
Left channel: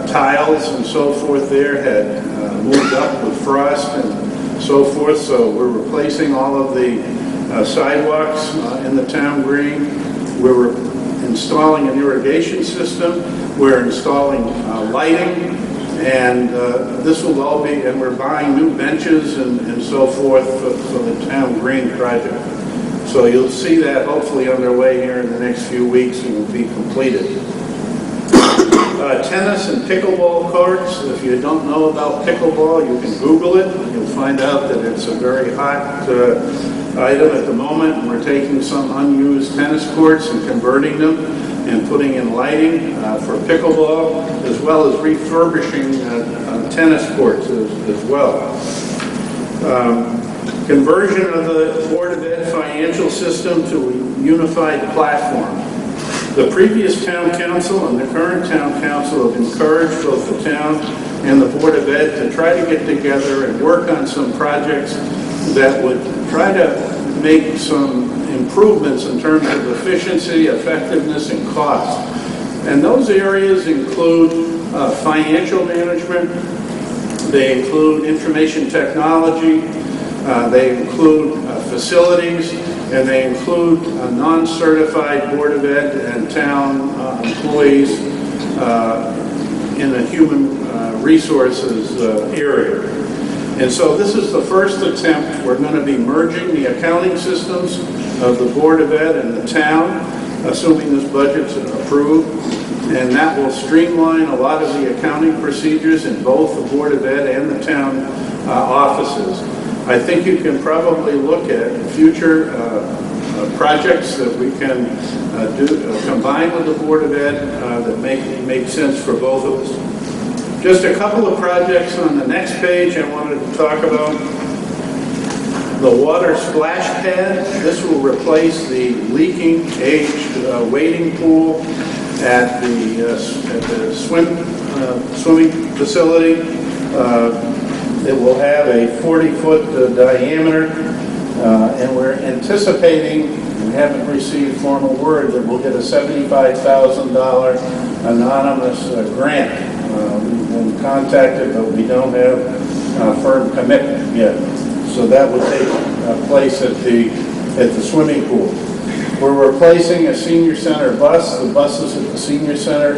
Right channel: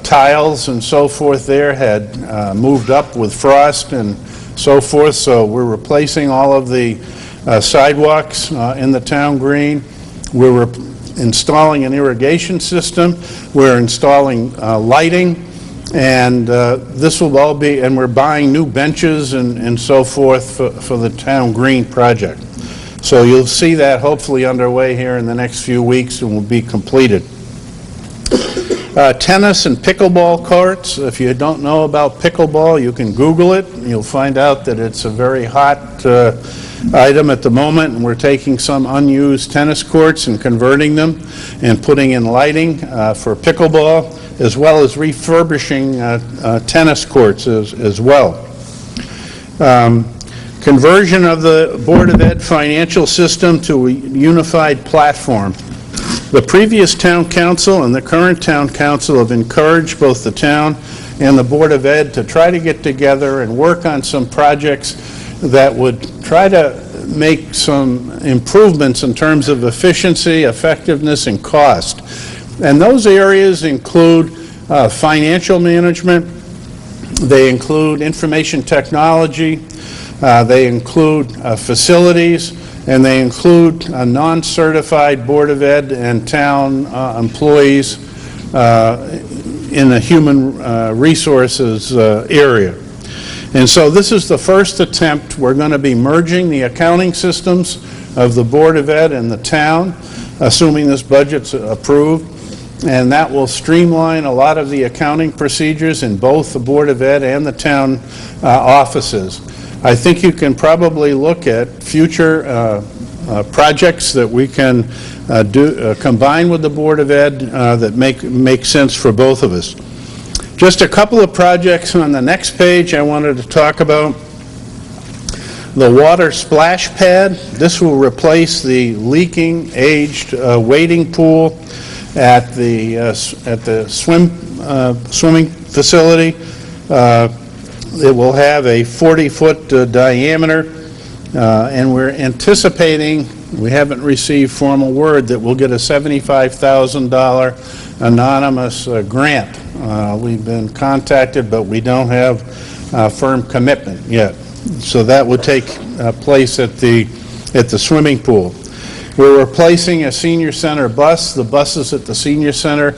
tiles and so forth there had moved up with frost and so forth, so we're replacing all of the sidewalks in the town green. We're installing an irrigation system. We're installing lighting, and this will all be, and we're buying new benches and so forth for the town green project. So you'll see that hopefully underway here in the next few weeks and will be completed. Tennis and pickleball courts. If you don't know about pickleball, you can Google it. You'll find out that it's a very hot item at the moment. And we're taking some unused tennis courts and converting them and putting in lighting for pickleball, as well as refurbishing tennis courts as well. Conversion of the Board of Ed financial system to a unified platform. The previous town council and the current town council have encouraged both the town and the Board of Ed to try to get together and work on some projects that would try to make some improvements in terms of efficiency, effectiveness, and cost. And those areas include financial management, they include information technology, they include facilities, and they include a non-certified Board of Ed and town employees in the human resources area. And so this is the first attempt. We're going to be merging the accounting systems of the Board of Ed and the town, assuming this budget's approved, and that will streamline a lot of the accounting procedures in both the Board of Ed and the town offices. I think you can probably look at future projects that we can combine with the Board of Ed that make sense for both of us. Just a couple of projects on the next page I wanted to talk about. The water splash pad. This will replace the leaking, aged wading pool at the swimming facility. It will have a 40-foot diameter, and we're anticipating, we haven't received formal word, that we'll get a $75,000 anonymous grant. We've been contacted, but we don't have firm commitment yet. So that would take place at the swimming pool. We're replacing a senior center bus. The buses at the senior center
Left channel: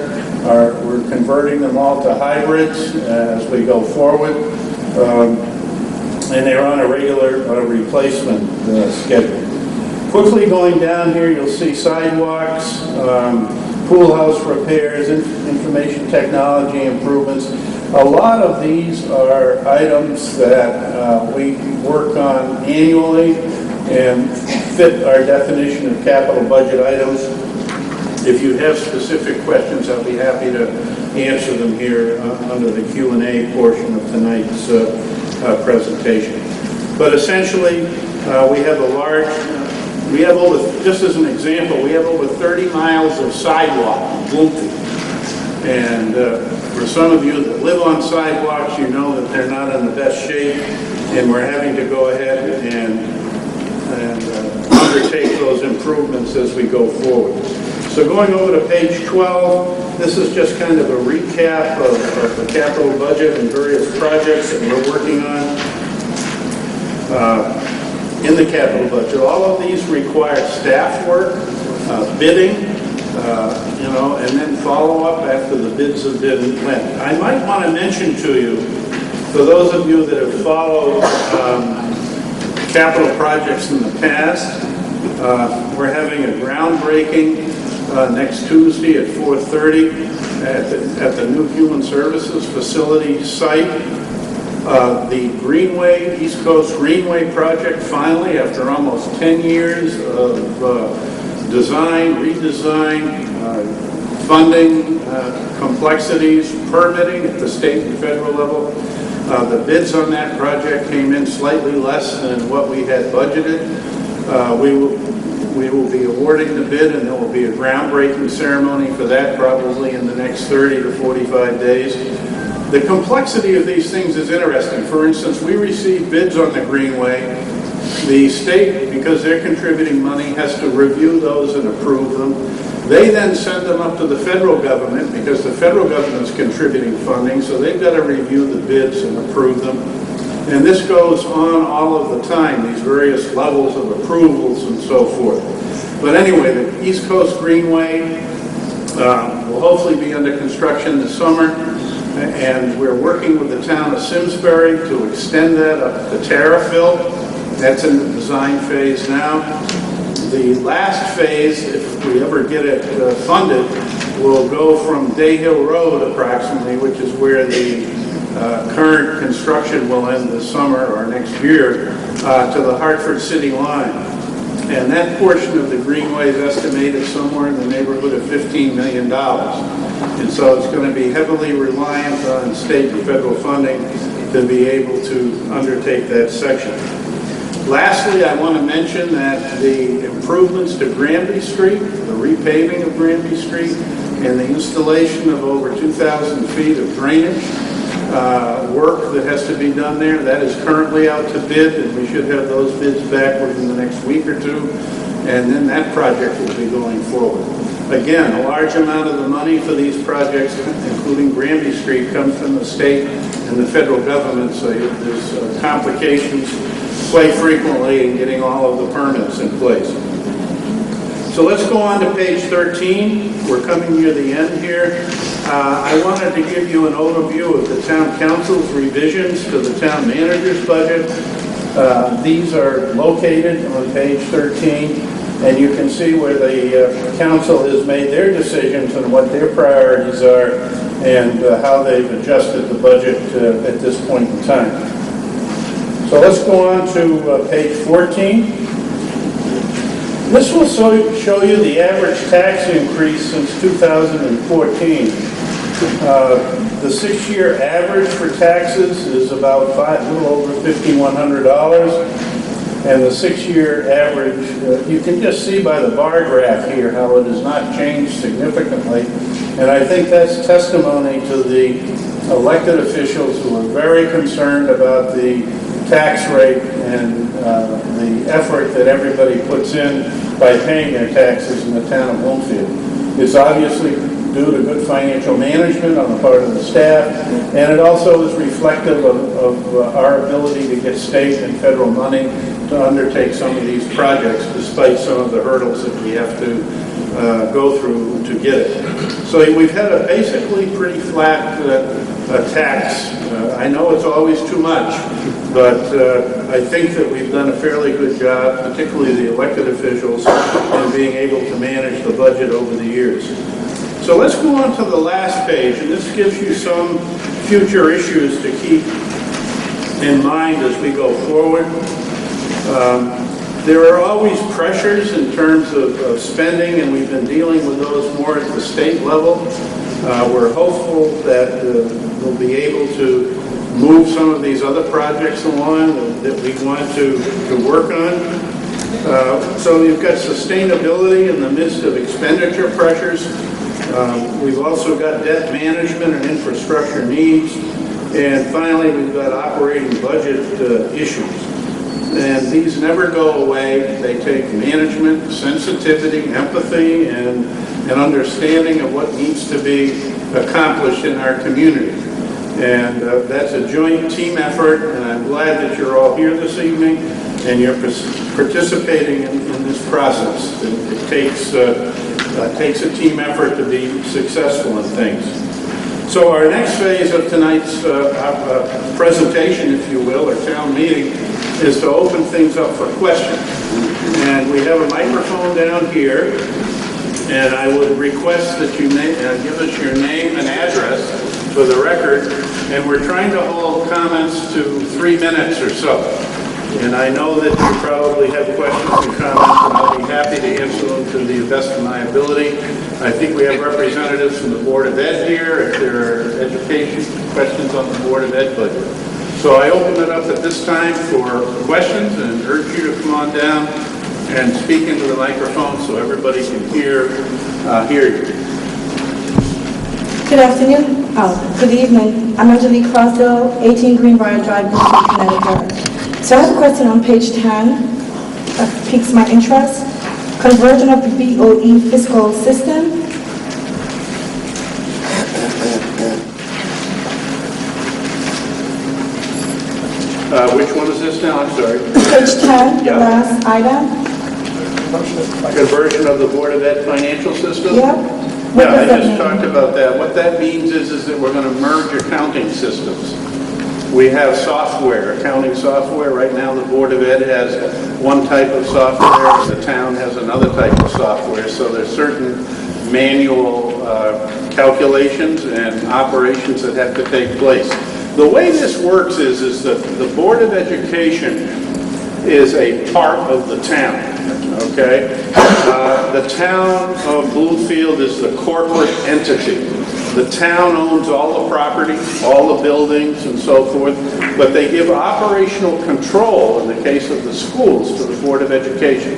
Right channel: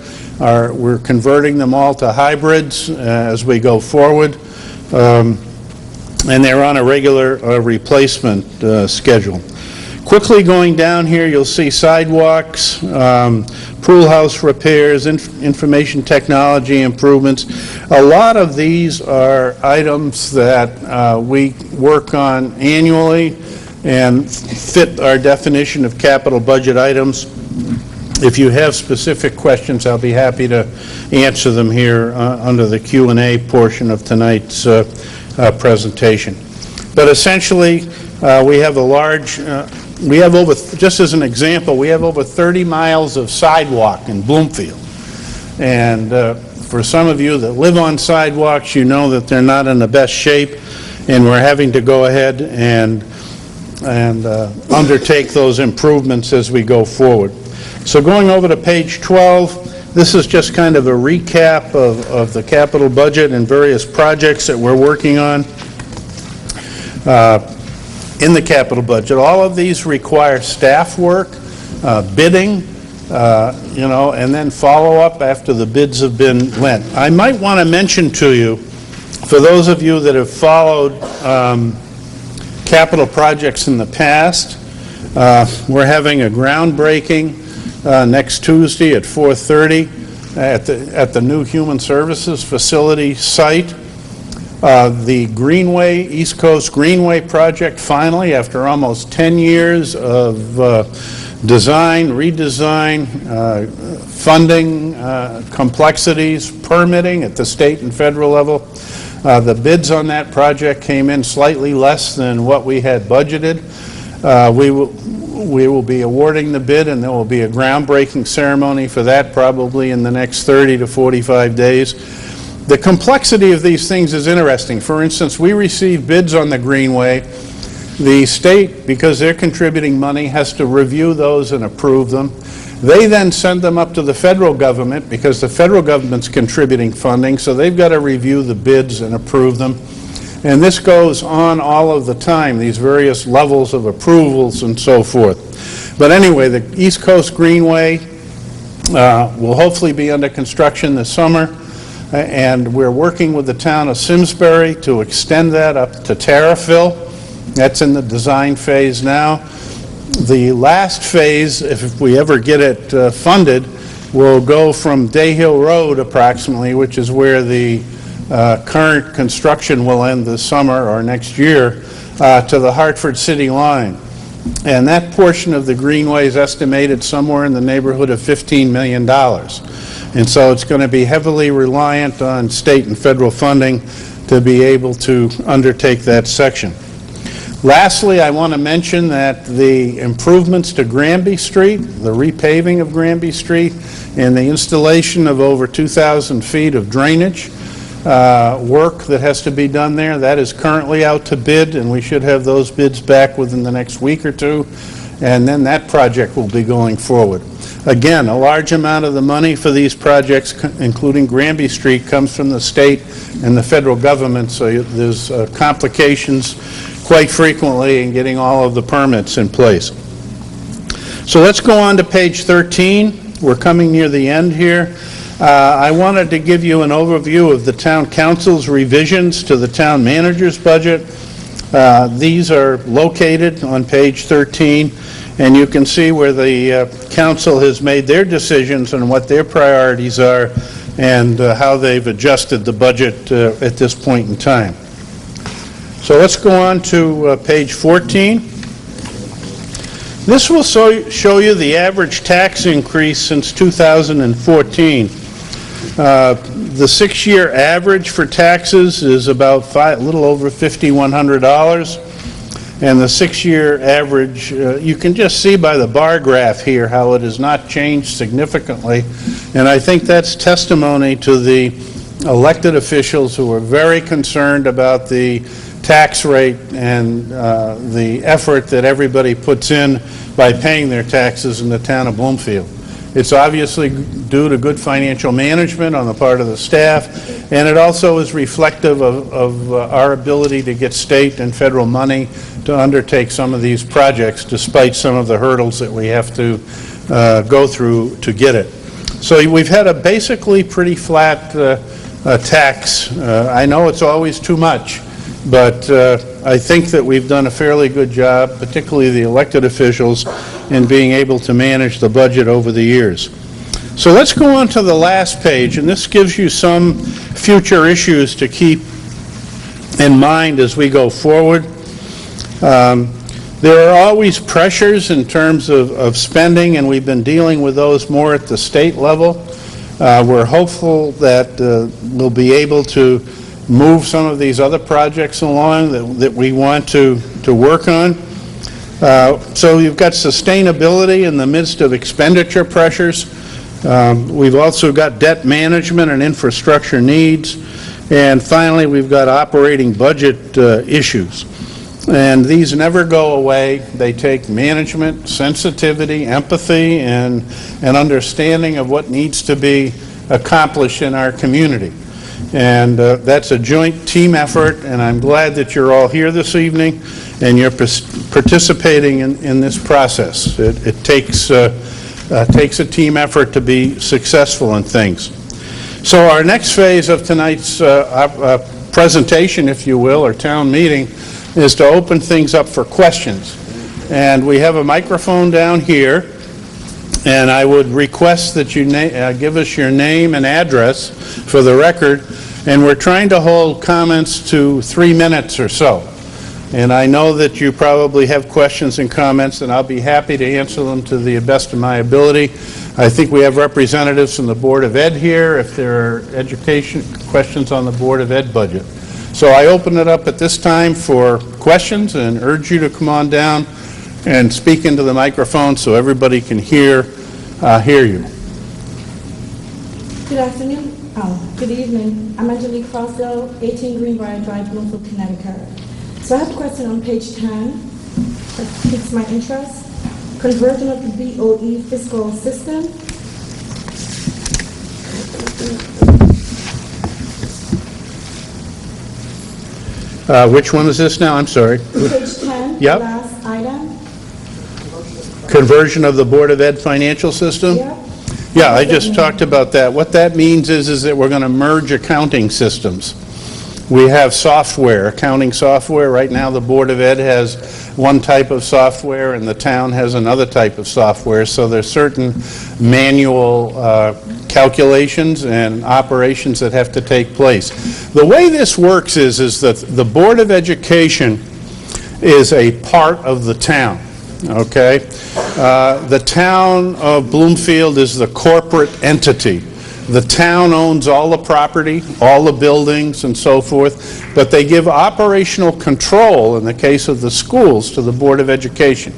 we're converting them all to hybrids as we go forward. And they're on a regular replacement schedule. Quickly going down here, you'll see sidewalks, pool house repairs, information technology improvements. A lot of these are items that we work on annually and fit our definition of capital budget items. If you have specific questions, I'll be happy to answer them here under the Q&A portion of tonight's presentation. But essentially, we have just as an example, we have over 30 miles of sidewalk in Bloomfield. And for some of you that live on sidewalks, you know that they're not in the best shape, and we're having to go ahead and undertake those improvements as we go forward. So going over to page 12, this is just kind of a recap of the capital budget and various projects that we're working on in the capital budget. All of these require staff work, bidding, and then follow up after the bids have been let. I might want to mention to you, for those of you that have followed capital projects in the past, we're having a groundbreaking next Tuesday at 4:30 at the new Human Services Facility site. The Greenway, East Coast Greenway project, finally, after almost 10 years of design, redesign, funding, complexities, permitting at the state and federal level. The bids on that project came in slightly less than what we had budgeted. We will be awarding the bid, and there will be a groundbreaking ceremony for that probably in the next 30 to 45 days. The complexity of these things is interesting. For instance, we received bids on the Greenway. The state, because they're contributing money, has to review those and approve them. They then send them up to the federal government because the federal government's contributing funding, so they've got to review the bids and approve them. And this goes on all of the time, these various levels of approvals and so forth. But anyway, the East Coast Greenway will hopefully be under construction this summer, and we're working with the town of Simsbury to extend that up to Terriffill. That's in the design phase now. The last phase, if we ever get it funded, will go from Day Hill Road approximately, which is where the current construction will end this summer or next year, to the Hartford City line. And that portion of the Greenway is estimated somewhere in the neighborhood of $15 million. And so it's going to be heavily reliant on state and federal funding to be able to undertake that section. Lastly, I want to mention that the improvements to Granby Street, the repaving of Granby Street, and the installation of over 2,000 feet of drainage work that has to be done there, that is currently out to bid, and we should have those bids back within the next week or two, and then that project will be going forward. Again, a large amount of the money for these projects, including Granby Street, comes from the state and the federal government, so there's complications quite frequently in getting all of the permits in place. So let's go on to page 13. We're coming near the end here. I wanted to give you an overview of the town council's revisions to the town manager's budget. These are located on page 13, and you can see where the council has made their decisions and what their priorities are and how they've adjusted the budget at this point in time. So let's go on to page 14. This will show you the average tax increase since 2014. The 6-year average for taxes is about a little over $5,100, and the 6-year average, you can just see by the bar graph here how it has not changed significantly, and I think that's testimony to the elected officials who are very concerned about the tax rate and the effort that everybody puts in by paying their taxes in the town of Bloomfield. It's obviously due to good financial management on the part of the staff, and it also is reflective of our ability to get state and federal money to undertake some of these projects despite some of the hurdles that we have to go through to get it. So we've had a basically pretty flat tax. I know it's always too much, but I think that we've done a fairly good job, particularly the elected officials, in being able to manage the budget over the years. So let's go on to the last page, and this gives you some future issues to keep in mind as we go forward. There are always pressures in terms of spending, and we've been dealing with those more at the state level. We're hopeful that we'll be able to move some of these other projects along that we want to work on. So you've got sustainability in the midst of expenditure pressures. We've also got debt management and infrastructure needs. And finally, we've got operating budget issues. And these never go away. They take management, sensitivity, empathy, and an understanding of what needs to be accomplished in our community. And that's a joint team effort, and I'm glad that you're all here this evening and you're participating in this process. It takes a team effort to be successful in things. So our next phase of tonight's presentation, if you will, or town meeting, is to open things up for questions. And we have a microphone down here, and I would request that you give us your name and address for the record, and we're trying to hold comments to 3 minutes or so. And I know that you probably have questions and comments, and I'll be happy to answer them to the best of my ability. I think we have representatives from the Board of Ed here, if there are education questions on the Board of Ed budget. So I open it up at this time for questions and urge you to come on down and speak into the microphone so everybody can hear you. Good afternoon. Good evening. I'm Angelique Crossdale, 18 Greenbrier Drive, Bloomfield, Connecticut. So I have a question on page 10 that piques my interest. Conversion of the BOE fiscal system. Which one is this now? I'm sorry. Page 10, Yep. the last item. Conversion of the Board of Ed financial system? Yep. Yeah, I What does that just mean? talked about that. What that means is that we're going to merge accounting systems. We have software, accounting software. Right now, the Board of Ed has one type of software, and the town has another type of software. So there's certain manual calculations and operations that have to take place. The way this works is that the Board of Education is a part of the town, okay? The town of Bloomfield is the corporate entity. The town owns all the property, all the buildings and so forth, but they give operational control, in the case of the schools, to the Board of Education.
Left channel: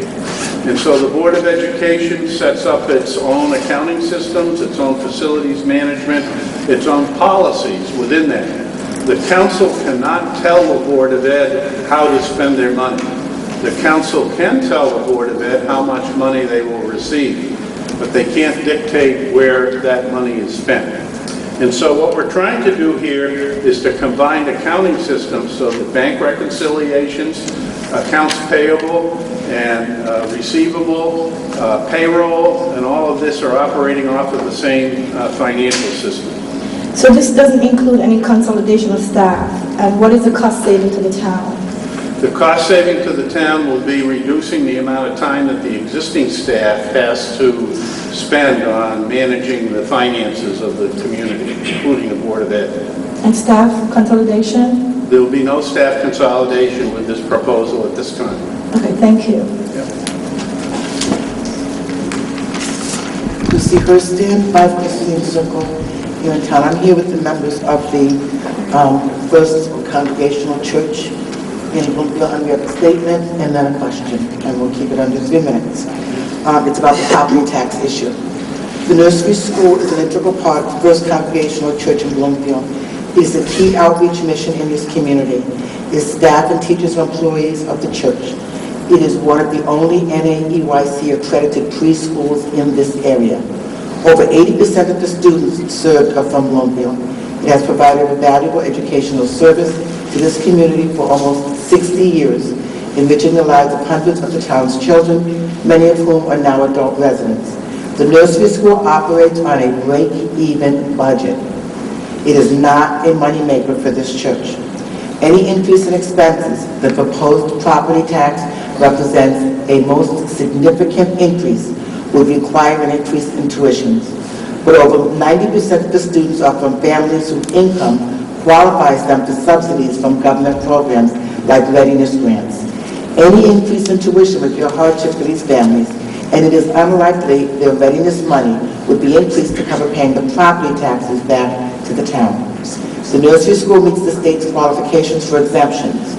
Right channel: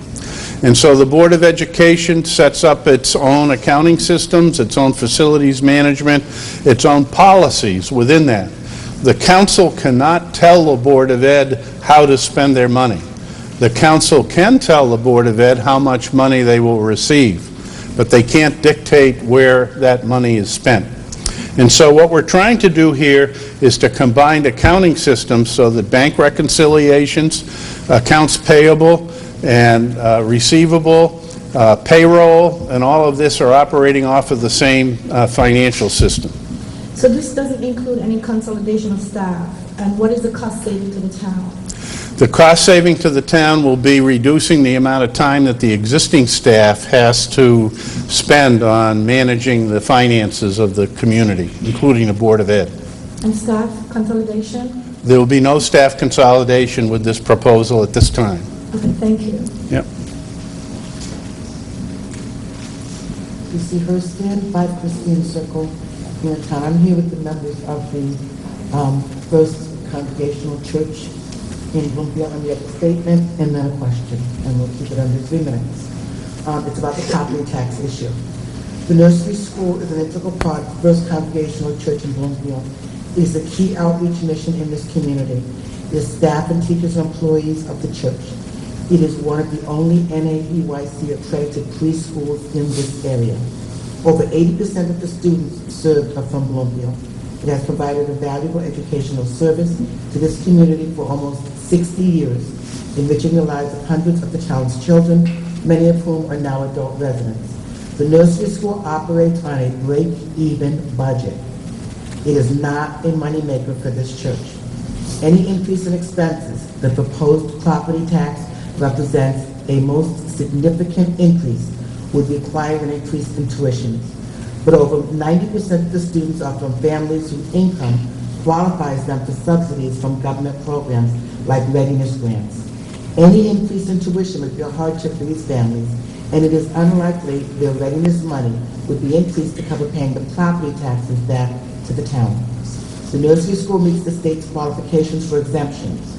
And so the Board of Education sets up its own accounting systems, its own facilities management, its own policies within that. The council cannot tell the Board of Ed how to spend their money. The council can tell the Board of Ed how much money they will receive, but they can't dictate where that money is spent. And so what we're trying to do here is to combine accounting systems so that bank reconciliations, accounts payable and receivable, payroll, and all of this are operating off of the same financial system. So this doesn't include any consolidation of staff. And what is the cost saving to the town? The cost saving to the town will be reducing the amount of time that the existing staff has to spend on managing the finances of the community, including the Board of Ed. And staff consolidation? There will be no staff consolidation with this proposal at this time. Okay, thank you. Yep. Lucy Hurston, 5 Christine Circle, here in town. I'm here with the members of the First Congregational Church in Bloomfield, and we have a statement and then a question, and we'll keep it under 3 minutes. It's about the property tax issue. The nursery school is an integral part of the First Congregational Church in Bloomfield. It is a key outreach mission in this community. Its staff and teachers are employees of the church. It is one of the only NAEYC accredited preschools in this area. Over 80% of the students served are from Bloomfield. It has provided a valuable educational service to this community for almost 60 years enriching the lives of hundreds of the town's children, many of whom are now adult residents. The nursery school operates on a break-even budget. It is not a moneymaker for this church. Any increase in expenses, the proposed property tax represents a most significant increase, will require an increase in tuitions. But over 90% of the students are from families whose income qualifies them for subsidies from government programs like readiness grants. Any increase in tuition would be a hardship for these families, and it is unlikely their readiness money would be increased to cover paying the property taxes back to the town. The nursery school meets the state's qualifications for exemptions,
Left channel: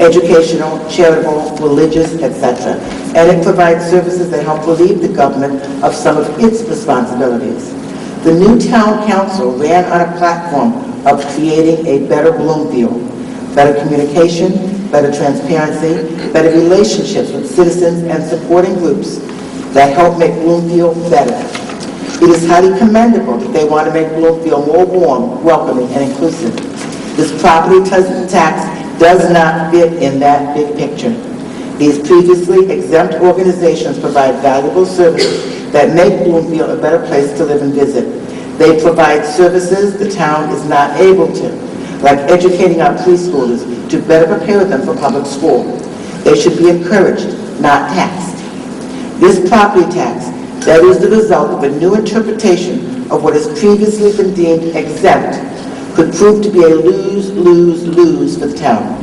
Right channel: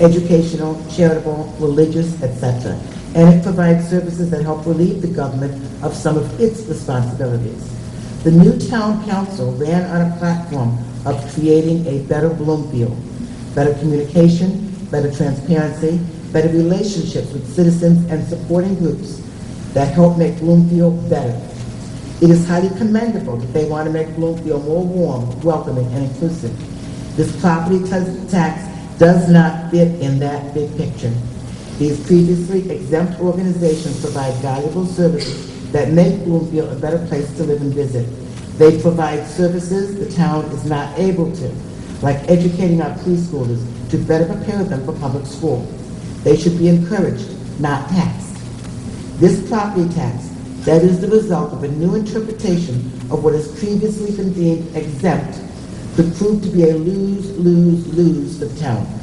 educational, charitable, religious, etc., and it provides services that help relieve the government of some of its responsibilities. The new town council ran on a platform of creating a better Bloomfield, better communication, better transparency, better relationships with citizens and supporting groups that help make Bloomfield better. It is highly commendable that they want to make Bloomfield more warm, welcoming, and inclusive. This property tax does not fit in that big picture. These previously exempt organizations provide valuable services that make Bloomfield a better place to live and visit. They provide services the town is not able to, like educating our preschoolers to better prepare them for public school. They should be encouraged, not taxed. This property tax that is the result of a new interpretation of what has previously been deemed exempt could prove to be a lose-lose-lose for the town.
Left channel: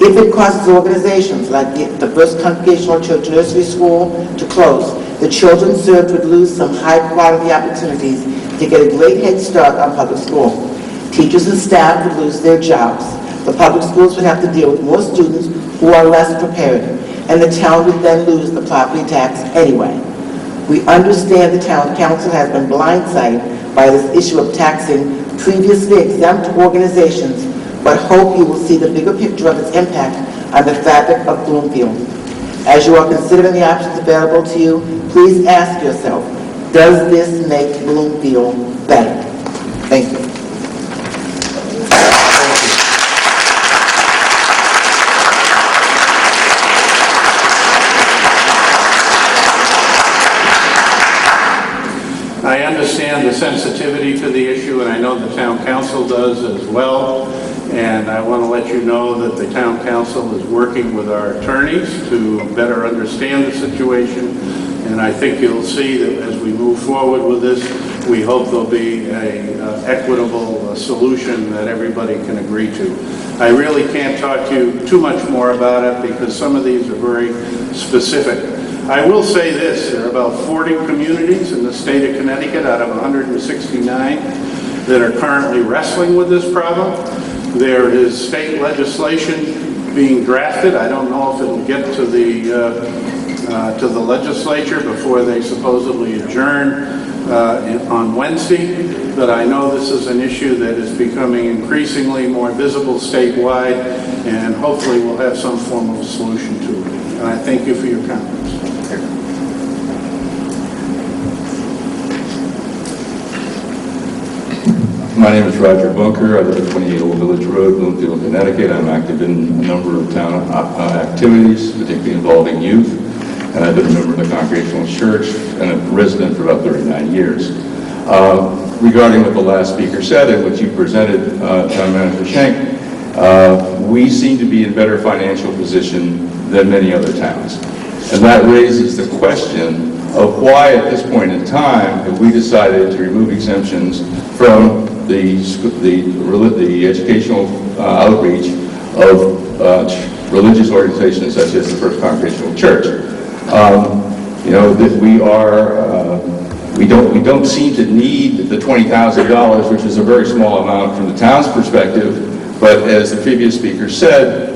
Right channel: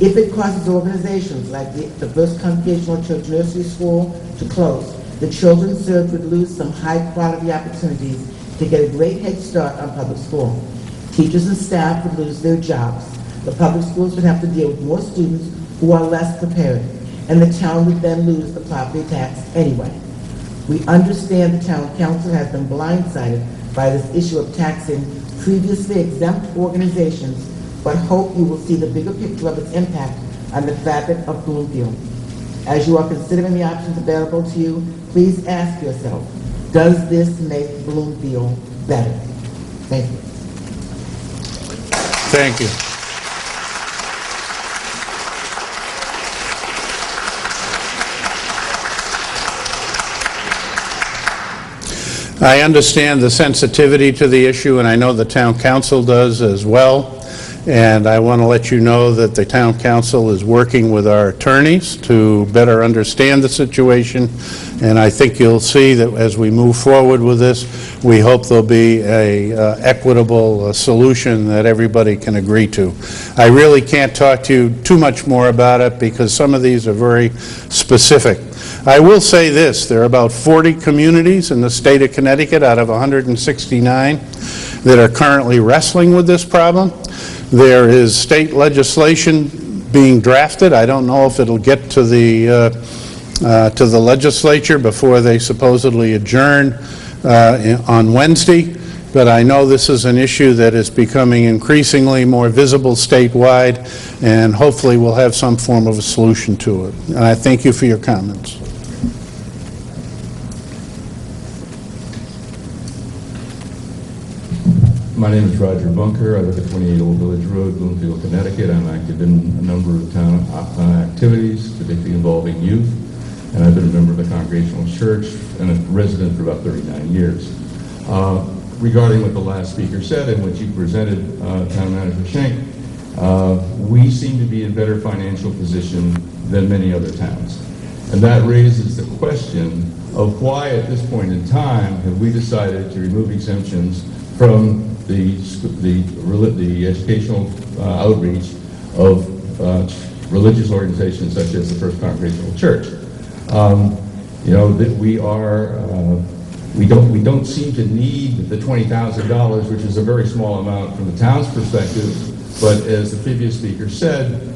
If it causes organizations like the First Congregational Church Nursery School to close, the children served would lose some high-quality opportunities to get a great head start on public school. Teachers and staff would lose their jobs. The public schools would have to deal with more students who are less prepared, and the town would then lose the property tax anyway. We understand the town council has been blindsided by this issue of taxing previously exempt organizations, but hope you will see the bigger picture of its impact on the fabric of Bloomfield. As you are considering the options available to you, please ask yourself, does this make Bloomfield better? Thank you. Thank you. I understand the sensitivity to the issue, and I know the town council does as well. And I want to let you know that the town council is working with our attorneys to better understand the situation. And I think you'll see that as we move forward with this, we hope there'll be a equitable solution that everybody can agree to. I really can't talk to you too much more about it because some of these are very specific. I will say this, there are about 40 communities in the state of Connecticut out of 169 that are currently wrestling with this problem. There is state legislation being drafted. I don't know if it'll get to the legislature before they supposedly adjourn on Wednesday, but I know this is an issue that is becoming increasingly more visible statewide, and hopefully we'll have some form of a solution to it. And I thank you for your comments. My name is Roger Bunker. I live at 28 Old Village Road, Bloomfield, Connecticut. I'm active in a number of town activities, particularly involving youth. And I've been a member of the Congregational Church and a resident for about 39 years. Regarding what the last speaker said and what you presented, Town Manager Schenk, we seem to be in better financial position than many other towns. And that raises the question of why at this point in time have we decided to remove exemptions from the educational outreach of religious organizations such as the First Congregational Church. You know, that we don't seem to need the $20,000, which is a very small amount from the town's perspective, but as the previous speaker said,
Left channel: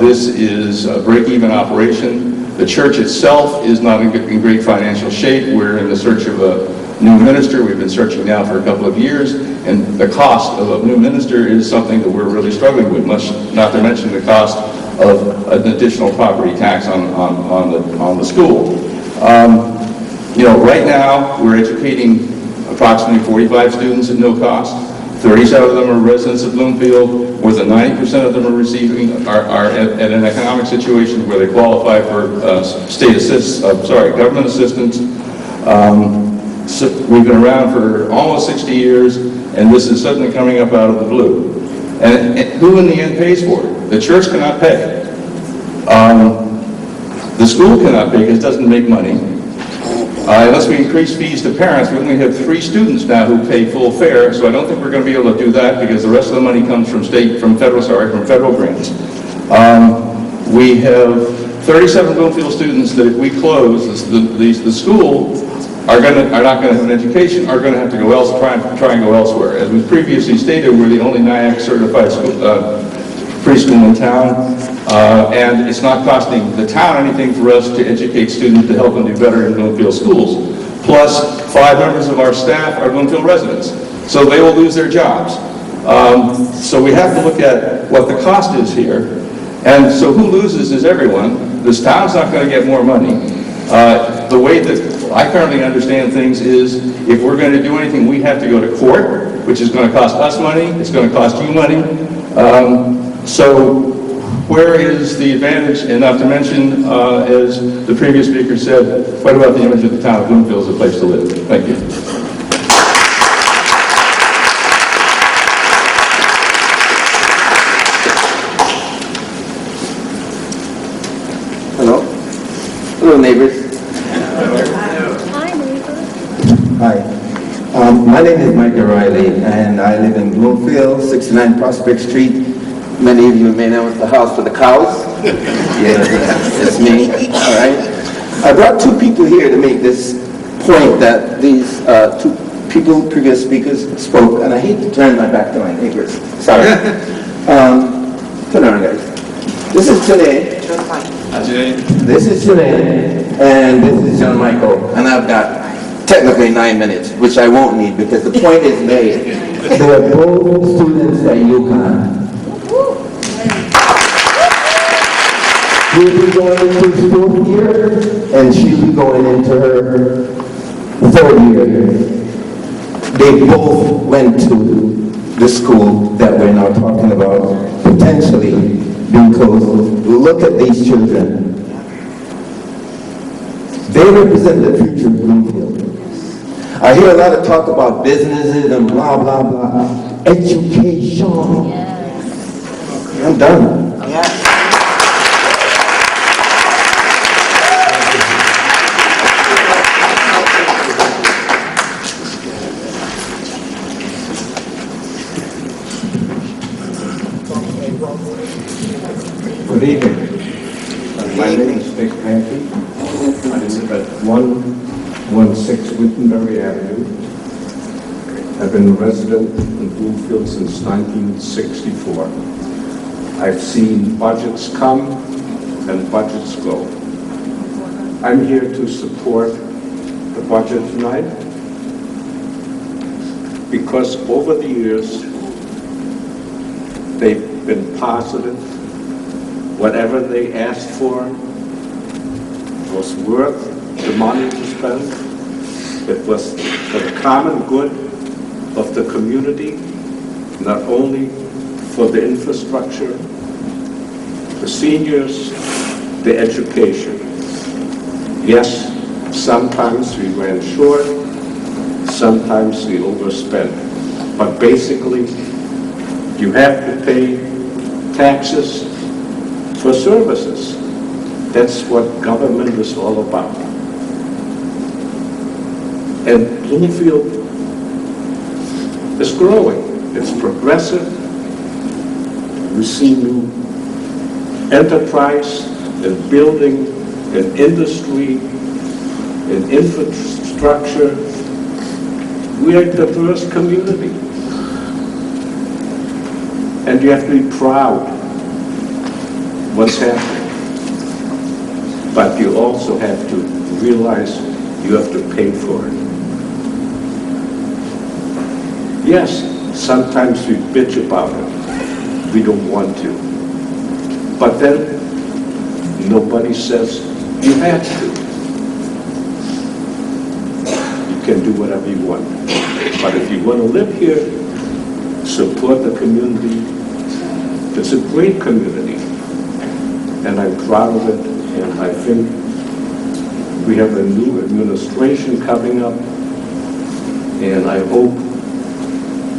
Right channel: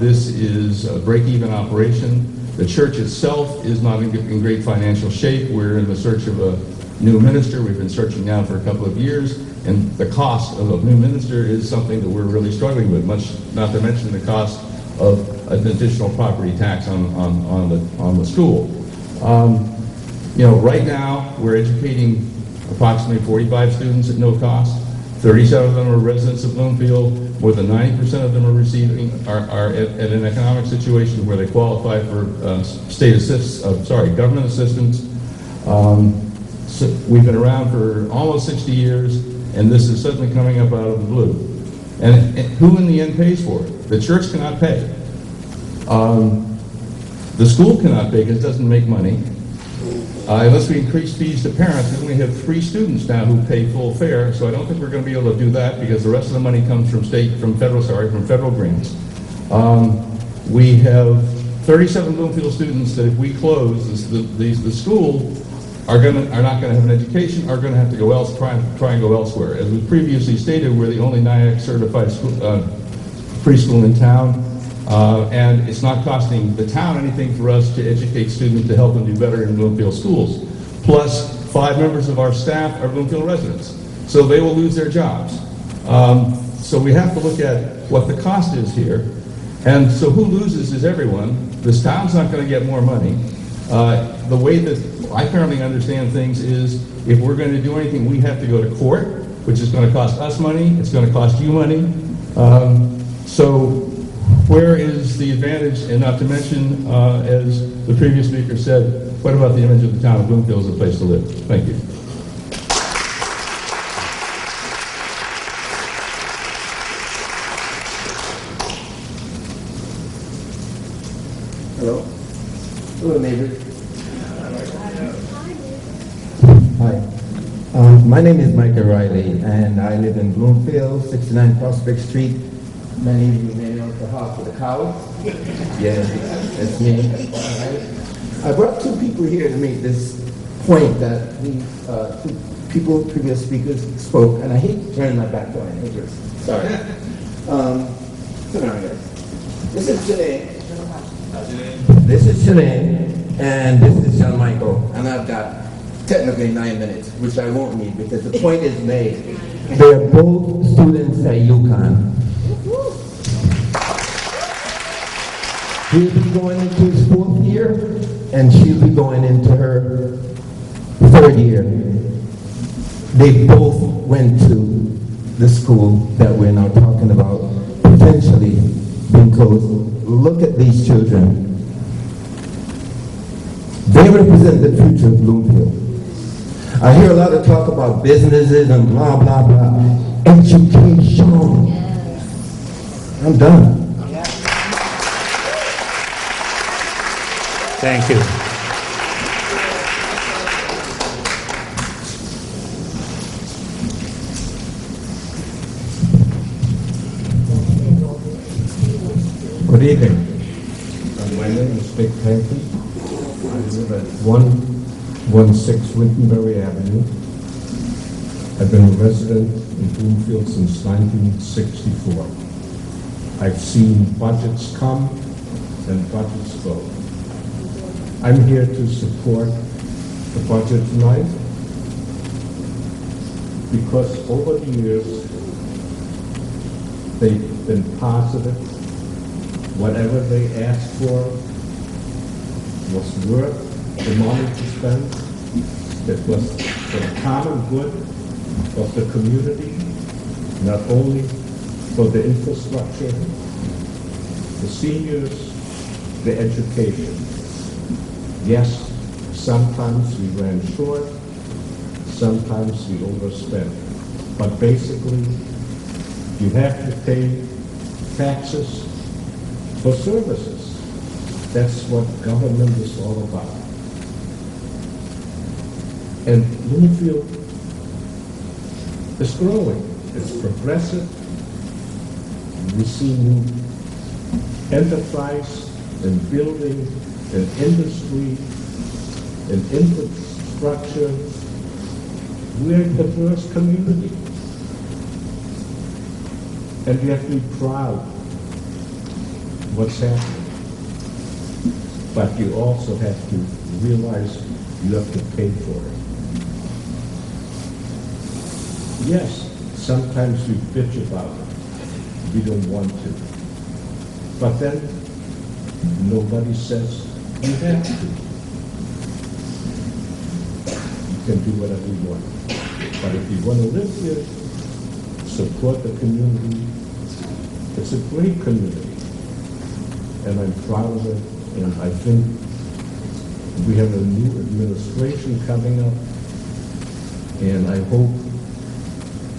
this is a break-even operation. The church itself is not in great financial shape. We're in the search of a new minister. We've been searching now for a couple of years, and the cost of a new minister is something that we're really struggling with, much not to mention the cost of an additional property tax on the school. You know, right now we're educating approximately 45 students at no cost. 37 of them are residents of Bloomfield. More than 90% of them are receiving, are at an economic situation where they qualify for government assistance. So we've been around for almost 60 years, and this is suddenly coming up out of the blue. And who in the end pays for it? The church cannot pay. The school cannot pay because it doesn't make money. Unless we increase fees to parents, we only have 3 students now who pay full fare, so I don't think we're going to be able to do that because the rest of the money comes from federal grants. We have 37 Bloomfield students that if we close, the school are not going to have an education, are going to have to go try and go elsewhere. As we previously stated, we're the only NIAC certified school, preschool in town, and it's not costing the town anything for us to educate students to help them do better in Bloomfield schools. Plus, 5 members of our staff are Bloomfield residents, so they will lose their jobs. So we have to look at what the cost is here, and so who loses is everyone. This town's not going to get more money. The way that I currently understand things is if we're going to do anything, we have to go to court, which is going to cost us money, it's going to cost you money. So where is the advantage? And not to mention, as the previous speaker said, what about the image of the town of Bloomfield as a place to live? Thank you. Hello. Hello, neighbors. Hi. My name is Mike O'Reilly, and I live in Bloomfield, 69 Prospect Street. Many of you may know it's the house for the cows. Yeah, it's me. All right. I brought 2 people here to make this point that these 2 people, previous speakers, spoke, and I hate to turn my back to my neighbors. Sorry. Turn around, guys. This is today. This is Sinead, and this is John Michael, and I've got technically 9 minutes, which I won't need because the point is made. They're both students at UConn. He'll be going into his 4th year, and she'll be going into her 3rd year. They both went to the school that we're now talking about, potentially being closed. Look at these children. They represent the future of Bloomfield. I hear a lot of talk about businesses and blah, blah, blah. Education. Yes. I'm done. Yes. Thank you. Good evening. My name is Dick Pankey. I live at 116 Wittenberry Avenue. I've been a resident in Bloomfield since 1964. I've seen budgets come and budgets go. I'm here to support the budget tonight because over the years, they've been positive. Whatever they asked for was worth the money to spend. It was for the common good of the community, not only for the infrastructure, the seniors, the education. Yes, sometimes we ran short, sometimes we overspent, but basically you have to pay taxes for services. That's what government is all about. And Bloomfield is growing. It's progressive. We see new enterprise and building and industry and infrastructure. We are a diverse community. And you have to be proud what's happening. But you also have to realize you have to pay for it. Yes, sometimes we bitch about it. We don't want to. But then nobody says you have to. You can do whatever you want. But if you want to live here, support the community. It's a great community, and I'm proud of it, and I think we have a new administration coming up, and I hope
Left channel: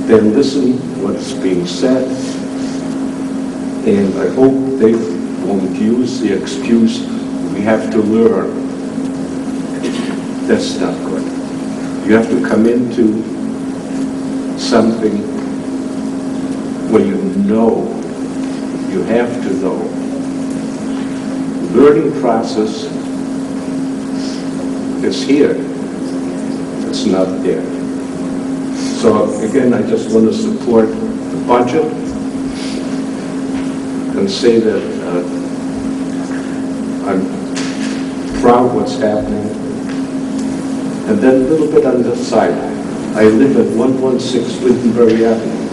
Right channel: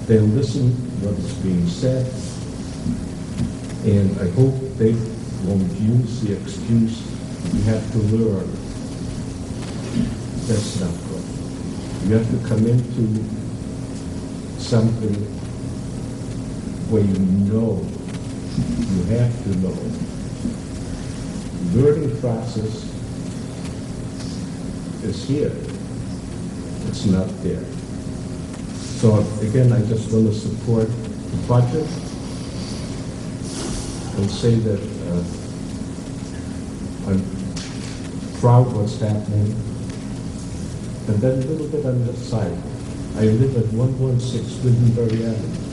they listen what is being said, and I hope they won't use the excuse, we have to learn. That's not good. You have to come into something where you know, you have to know. Learning process is here. It's not there. So again, I just want to support the budget and say that I'm proud what's happening. And then a little bit on the side, I live at 116 Wittenberry Avenue.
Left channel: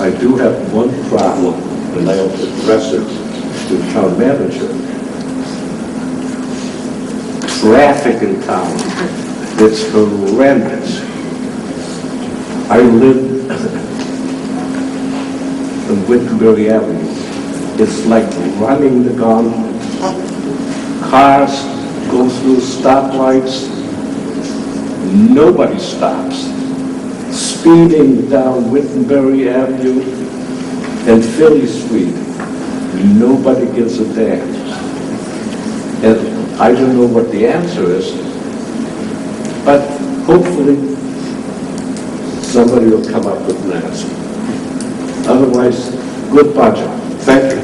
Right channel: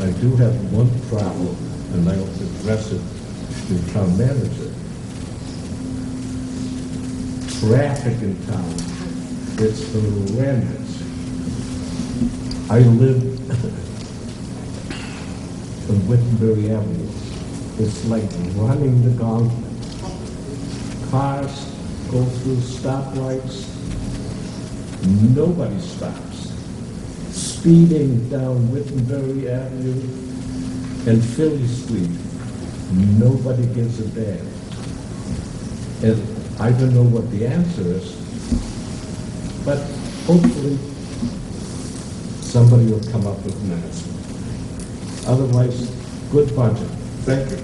I do have one problem, and I'll address it to the town manager. Traffic in town, it's horrendous. I live on Wittenberry Avenue. It's like running the gauntlet. Cars go through stoplights, nobody stops. Speeding down Wittenberry Avenue and Philly Street, nobody gives a damn. And I don't know what the answer is, but hopefully somebody will come up with an answer. Otherwise, good budget. Thank you.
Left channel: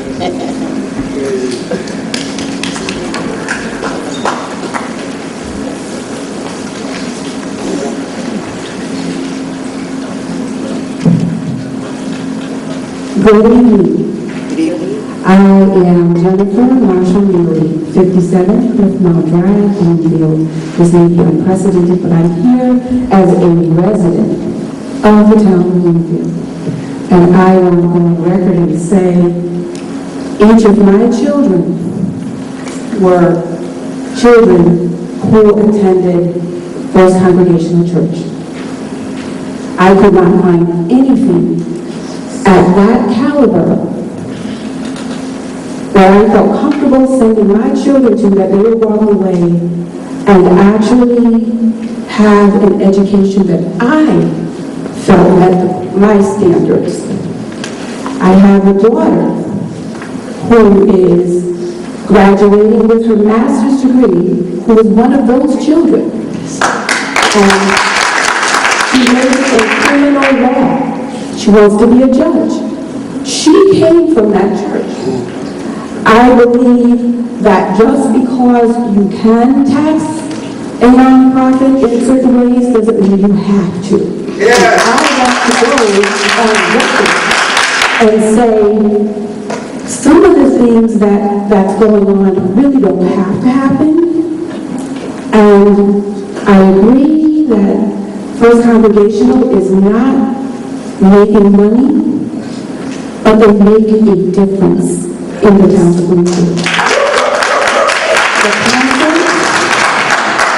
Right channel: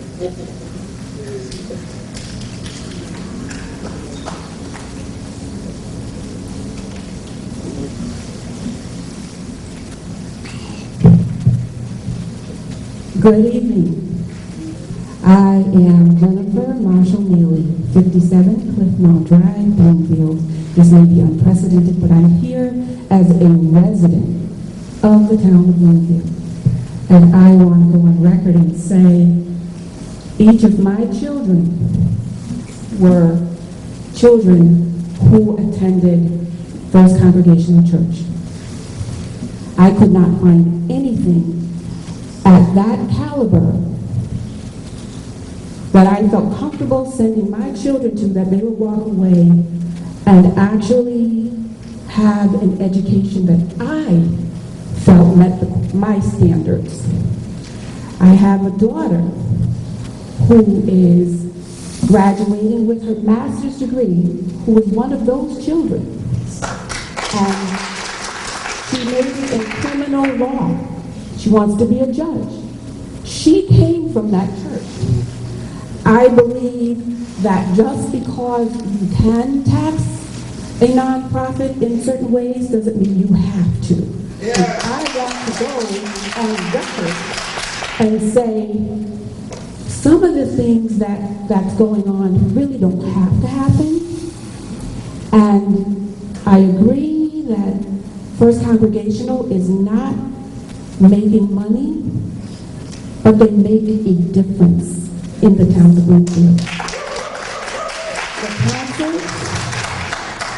Good evening. I am Jennifer Marshall Neely, 57 Cliffmore Drive, Bloomfield. This may be unprecedented, but I'm here as a resident of the town of Bloomfield. And I want to go on record and say each of my children were children who attended First Congregational Church. I could not find anything at that caliber where I felt comfortable sending my children to that they would walk away and actually have an education that I felt met my standards. I have a daughter who is graduating with her master's degree, who is one of those children. And she majored in criminal law. She wants to be a judge. She came from that church. I believe that just because you can tax a nonprofit in certain ways doesn't mean you have to. Yeah. I want to go on record and say some of the things that's going on really don't have to happen. And I agree that First Congregational is not making money, but they make a difference in the town of Bloomfield. The council,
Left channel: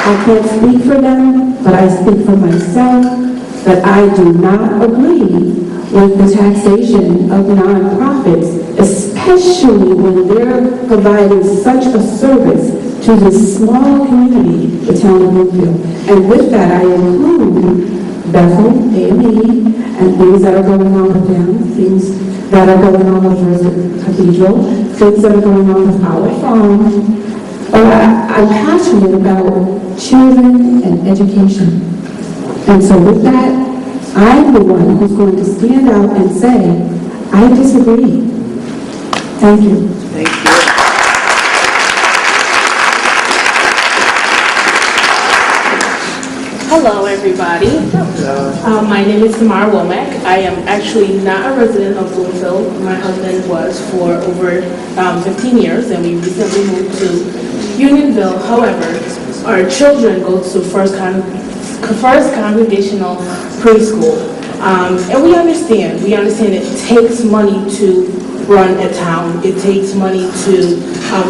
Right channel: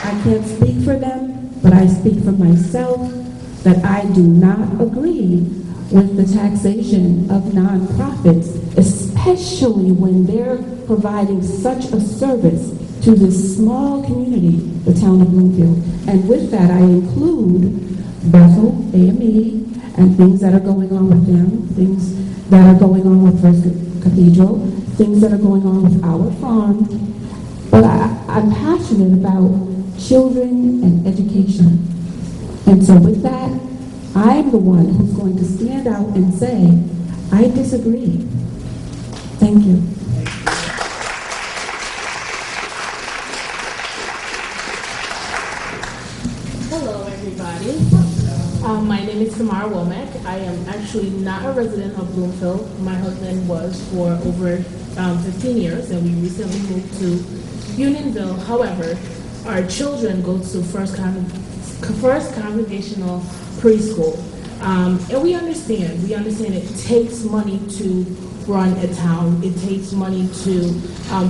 I can't speak for them, but I speak for myself, that I do not agree with the taxation of nonprofits, especially when they're providing such a service to this small community, the town of Bloomfield. And with that, I include Bethel, A&E, and things that are going on with them, things that are going on with First Cathedral, things that are going on with our farm. But I'm passionate about children and education. And so with that, I'm the one who's going to stand out and say, I disagree. Thank you. Thank you. Hello, everybody. My name is Tamara Womack. I am actually not a resident of Bloomfield. My husband was for over 15 years, and we recently moved to Unionville. However, our children go to First Congregational Preschool. And we understand it takes money to run a town. It takes money to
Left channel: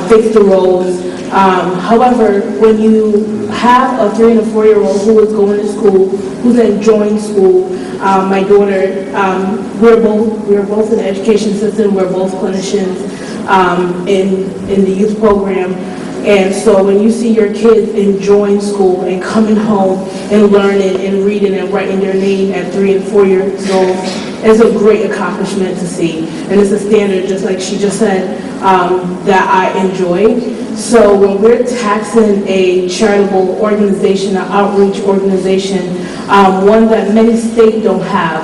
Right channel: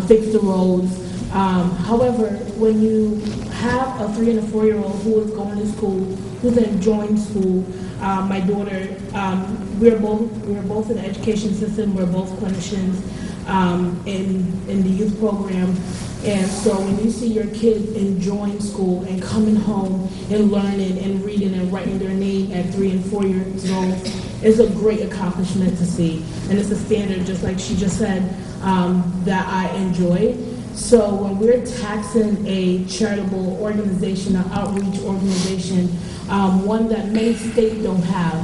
fix the roads. However, when you have a 3- and 4-year-old who is going to school, who's enjoying school, my daughter, we're both in the education system, we're both clinicians in the youth program. And so when you see your kids enjoying school and coming home and learning and reading and writing their name at 3 and 4 years old, it's a great accomplishment to see. And it's a standard, just like she just said, that I enjoy. So when we're taxing a charitable organization, an outreach organization, one that many states don't have,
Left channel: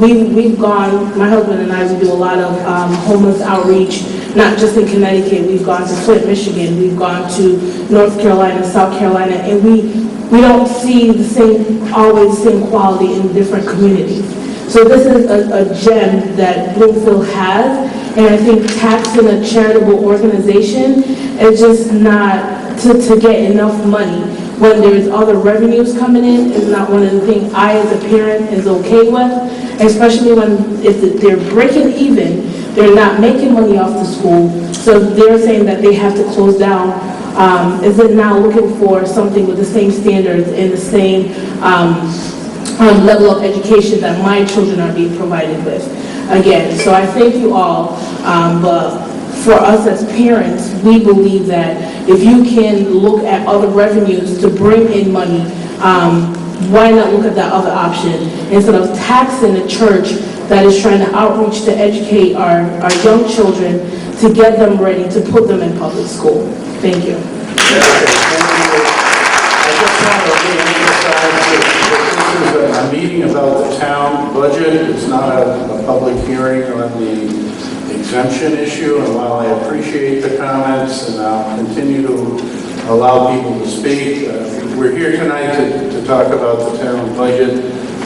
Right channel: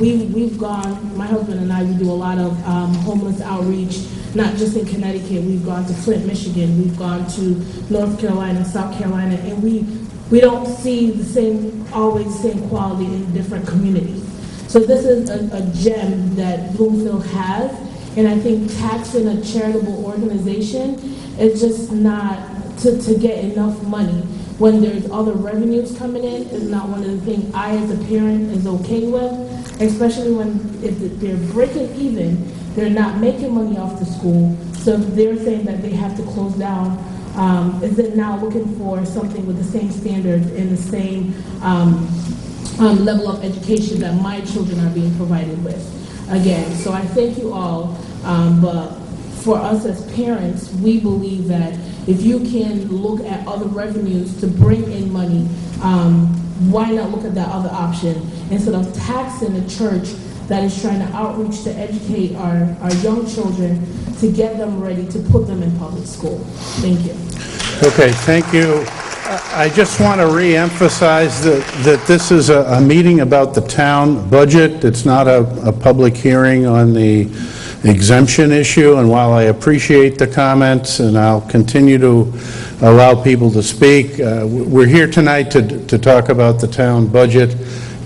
we've gone, my husband and I, we do a lot of homeless outreach, not just in Connecticut. We've gone to Flint, Michigan. We've gone to North Carolina, South Carolina, and we don't see always the same quality in different communities. So this is a gem that Bloomfield has, and I think taxing a charitable organization is just not to get enough money when there's other revenues coming in is not one of the things I as a parent is okay with, especially if they're breaking even, they're not making money off the school, so they're saying that they have to close down. Is it now looking for something with the same standards and the same level of education that my children are being provided with? Again, so I thank you all, but for us as parents, we believe that if you can look at other revenues to bring in money, why not look at that other option instead of taxing a church that is trying to outreach to educate our young children to get them ready to put them in public school. Thank you. Okay, thank you. I just want to re-emphasize that this is a meeting about the town budget. It's not a public hearing on the exemption issue, and while I appreciate the comments and I'll continue to allow people to speak, we're here tonight to talk about the town budget.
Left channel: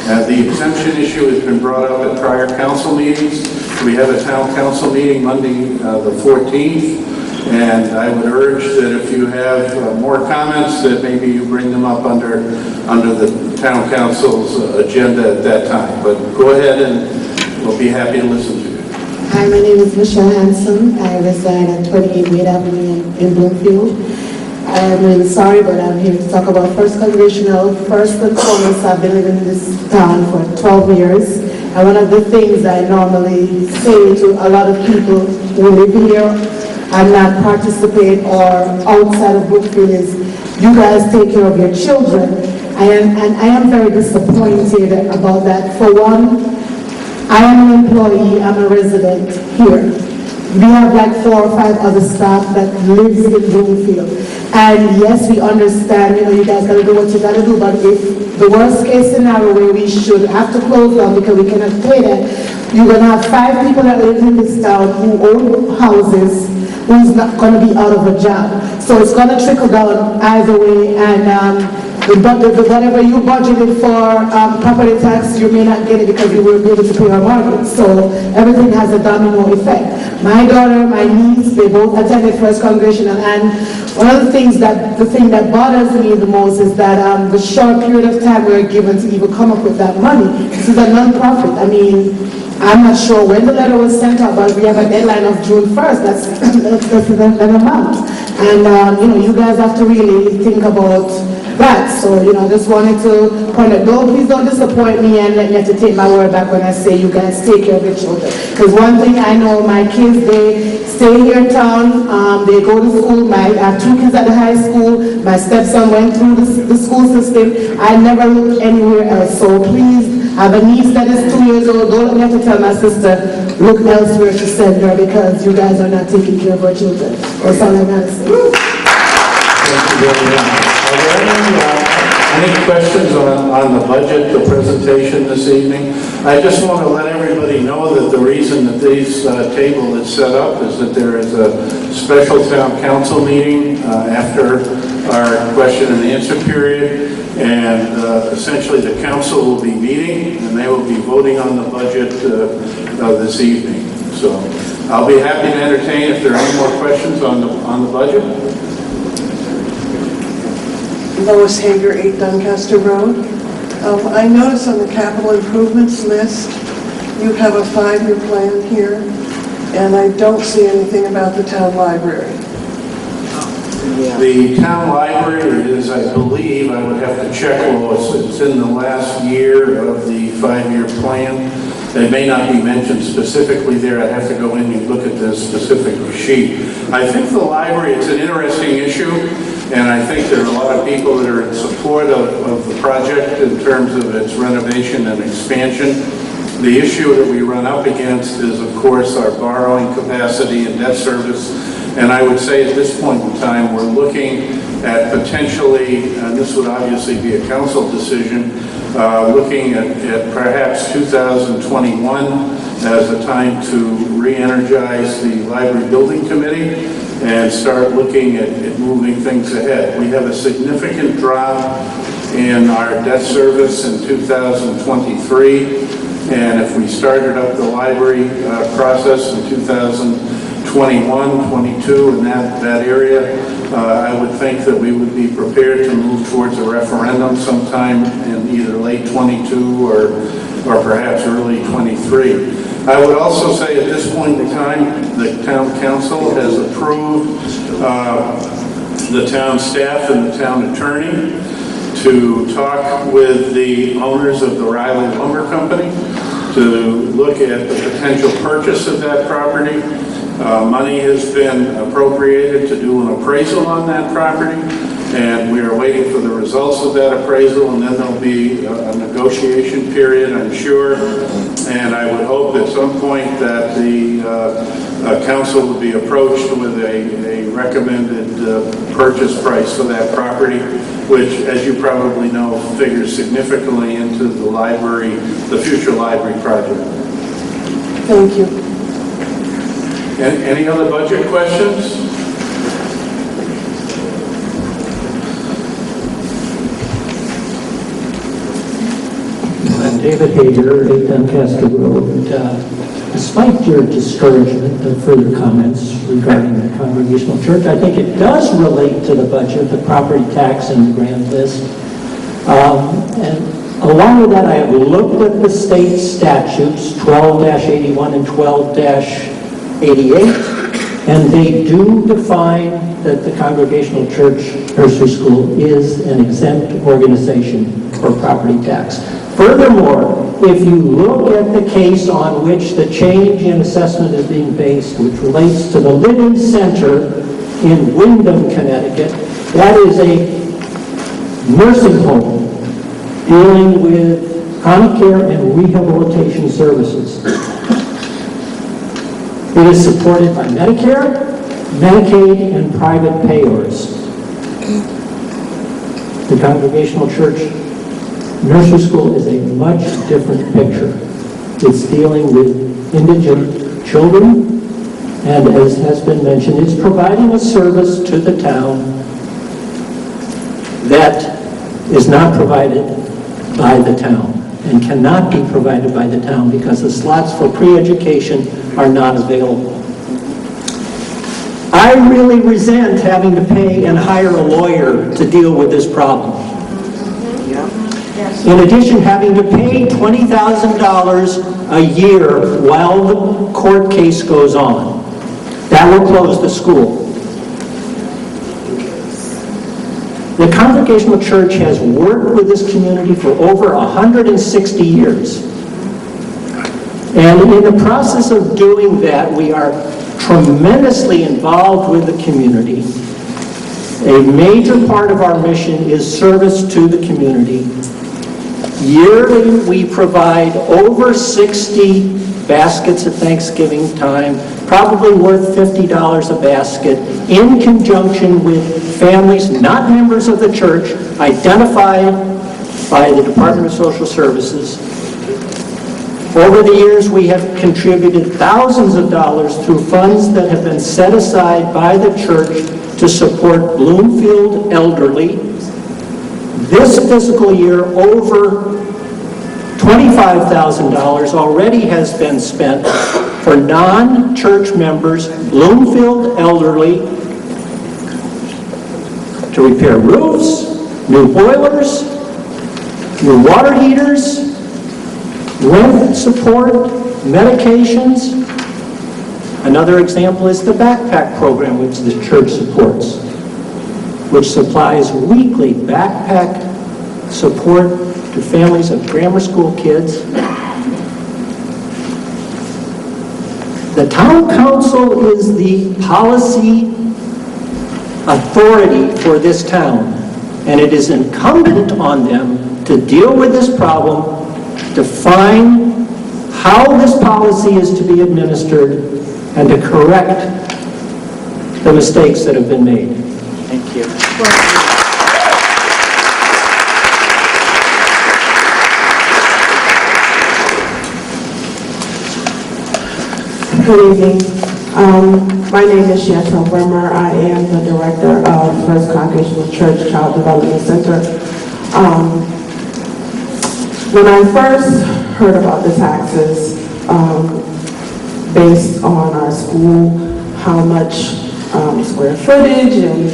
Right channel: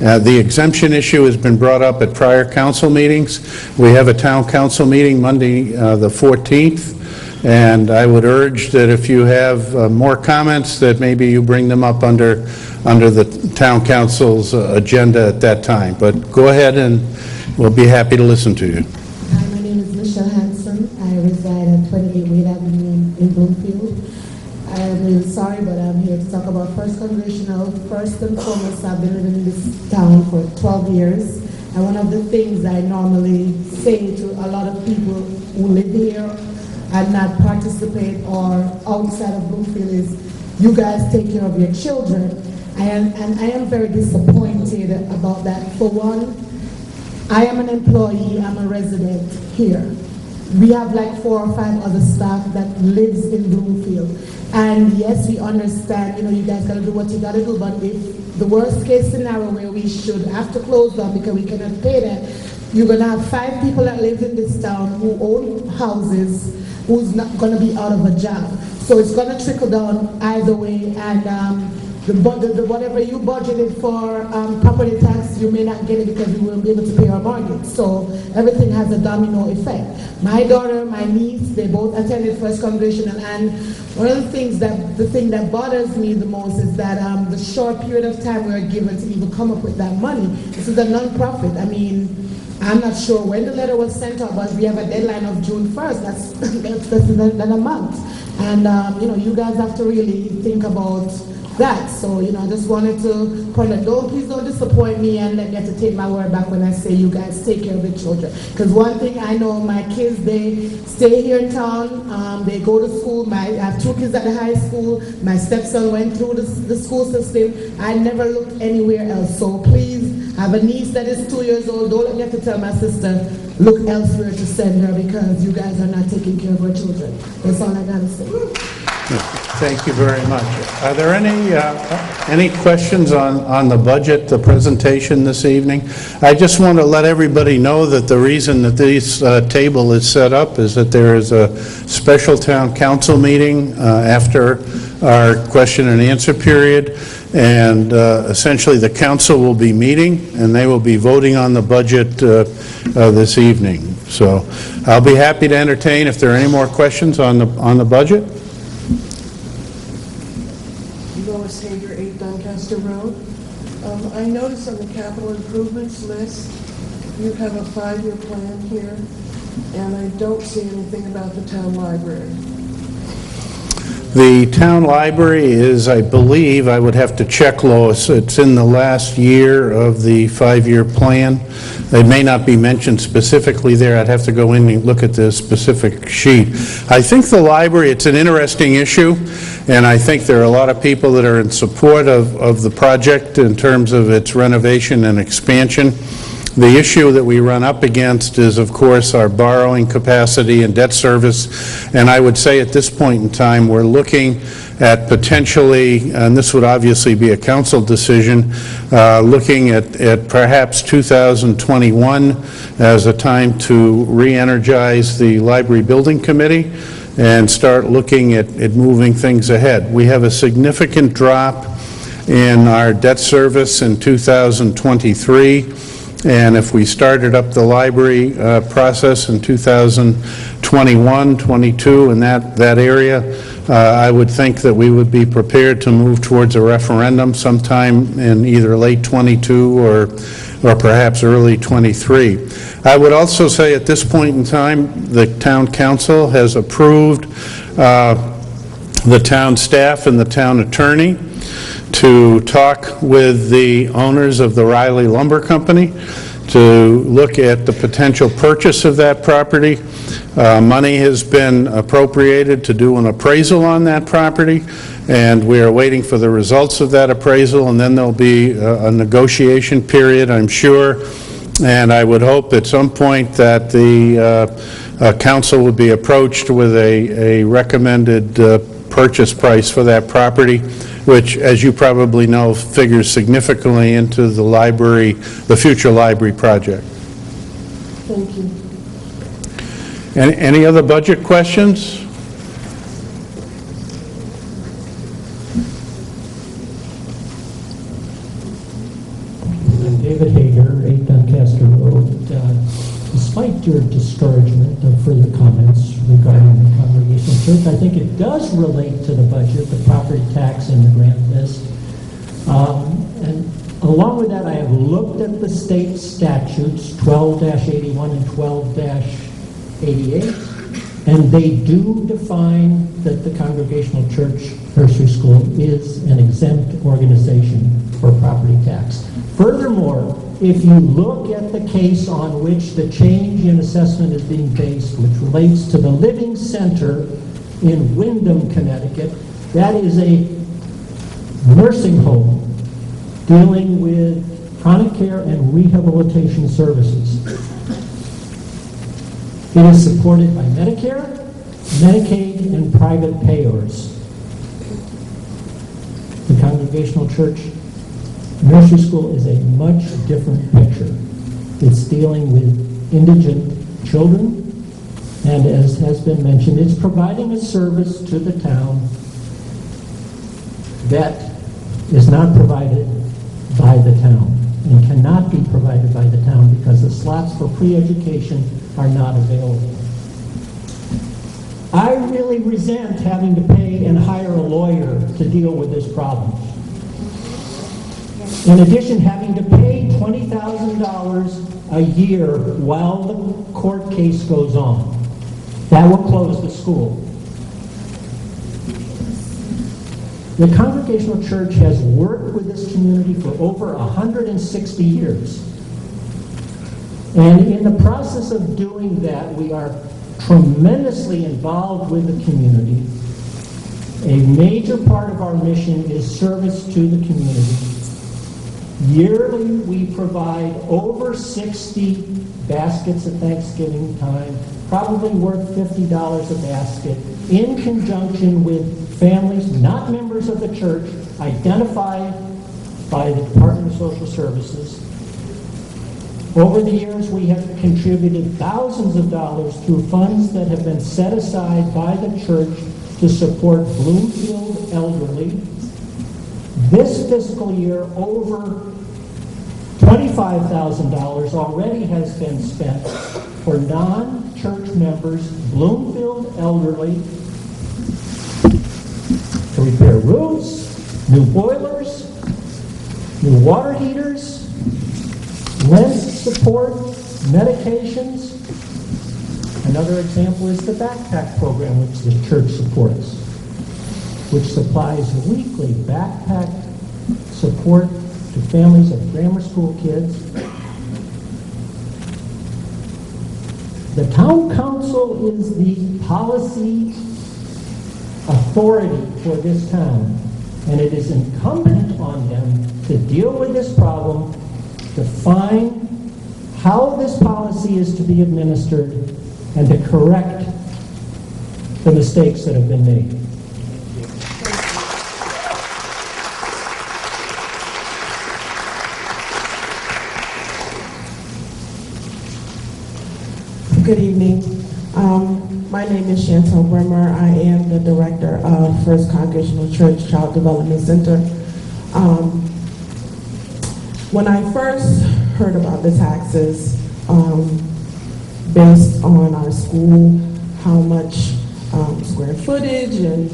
The exemption issue has been brought up at prior council meetings. We have a town council meeting Monday the 14th, and I would urge that if you have more comments, that maybe you bring them up under the town council's agenda at that time. But go ahead and we'll be happy to listen to you. Hi, my name is Michelle Hanson. I reside at 28 Wade Avenue in Bloomfield. I am really sorry, but I'm here to talk about First Congregational. First and foremost, I've been living in this town for 12 years. And one of the things I normally say to a lot of people who live here and not participate or outside of Bloomfield is, you guys take care of your children. And I am very disappointed about that. For one, I am an employee, I'm a resident here. We have like 4 or 5 other staff that lives in Bloomfield. And yes, we understand, you guys gotta do what you gotta do, but if the worst case scenario where we should have to close down because we cannot pay that, you're gonna have 5 people that live in this town who own houses who's not gonna be out of a job. So it's gonna trickle down either way, and whatever you budgeted for property tax, you may not get it because you won't be able to pay your mortgage. So everything has a domino effect. My daughter, my niece, they both attended First Congregational, and one of the thing that bothers me the most is that the short period of time we're given to even come up with that money. This is a non-profit. I mean, I'm not sure when the letter was sent out, but we have a deadline of June 1st. That's an amount. And, you guys have to really think about that. So, I just wanted to point out, please don't disappoint me and let me have to take my word back when I say you guys take care of your children. Because one thing I know, my kids, they stay here in town, they go to school. I have 2 kids at the high school. My stepson went through the school system. I never looked anywhere else. So please, I have a niece that is 2 years old. Don't let me have to tell my sister, look elsewhere to send her because you guys are not taking care of our children. That's all I got to say. Thank you very much. Are there any questions on the budget, the presentation this evening? I just want to let everybody know that the reason that this table is set up is that there is a special town council meeting after our question and answer period, and essentially the council will be meeting and they will be voting on the budget this evening. So I'll be happy to entertain if there are any more questions on the budget. Lois Hager, 8 Doncaster Road. I notice on the capital improvements list, you have a 5-year plan here. And I don't see anything about the town library. The town library is, I believe, I would have to check, Lois, it's in the last year of the 5-year plan. It may not be mentioned specifically there. I'd have to go in and look at the specific sheet. I think the library, it's an interesting issue, and I think there are a lot of people that are in support of the project in terms of its renovation and expansion. The issue that we run up against is, of course, our borrowing capacity and debt service. And I would say at this point in time, we're looking at potentially, and this would obviously be a council decision, looking at perhaps 2021 as a time to re-energize the library building committee and start looking at moving things ahead. We have a significant drop in our debt service in 2023, and if we started up the library process in 2021, 22, in that area, I would think that we would be prepared to move towards a referendum sometime in either late 22 or perhaps early 23. I would also say at this point in time, the town council has approved the town staff and the town attorney to talk with the owners of the Riley Lumber Company to look at the potential purchase of that property. Money has been appropriated to do an appraisal on that property, and we are waiting for the results of that appraisal, and then there'll be a negotiation period, I'm sure. And I would hope at some point that the council would be approached with a recommended purchase price for that property, which, as you probably know, figures significantly into the library, the future library project. Thank you. Any other budget questions? David Hager, 8 Doncaster Road. Despite your discouragement of further comments regarding the Congregational Church, I think it does relate to the budget, the property tax and the grant list. And along with that, I have looked at the state statutes, 12-81 and 12-88, and they do define that the Congregational Church Nursery School is an exempt organization for property tax. Furthermore, if you look at the case on which the change in assessment is being based, which relates to the Living Center in Windham, Connecticut, that is a nursing home dealing with chronic care and rehabilitation services. It is supported by Medicare, Medicaid, and private payers. The Congregational Church Nursery School is a much different picture. It's dealing with indigent children, and as has been mentioned, it's providing a service to the town that is not provided by the town and cannot be provided by the town because the slots for pre-education are not available. I really resent having to pay and hire a lawyer to deal with this problem. In addition, having to pay $20,000 a year while the court case goes on. That will close the school. The Congregational Church has worked with this community for over 160 years. And in the process of doing that, we are tremendously involved with the community. A major part of our mission is service to the community. Yearly, we provide over 60 baskets at Thanksgiving time, probably worth $50 a basket, in conjunction with families not members of the church, identified by the Department of Social Services. Over the years, we have contributed thousands of dollars through funds that have been set aside by the church to support Bloomfield elderly. This fiscal year, over $25,000 already has been spent for non-church members, Bloomfield elderly, to repair roofs, new boilers, new water heaters, rent support, medications. Another example is the backpack program, which the church supports, which supplies weekly backpack support to families of grammar school kids. The town council is the policy authority for this town, and it is incumbent on them to deal with this problem, define how this policy is to be administered, and to correct the mistakes that have been made. Thank you. Good evening. My name is Chantel Bremer. I am the director of First Congregational Church Child Development Center. When I first heard about the taxes based on our school, how much square footage and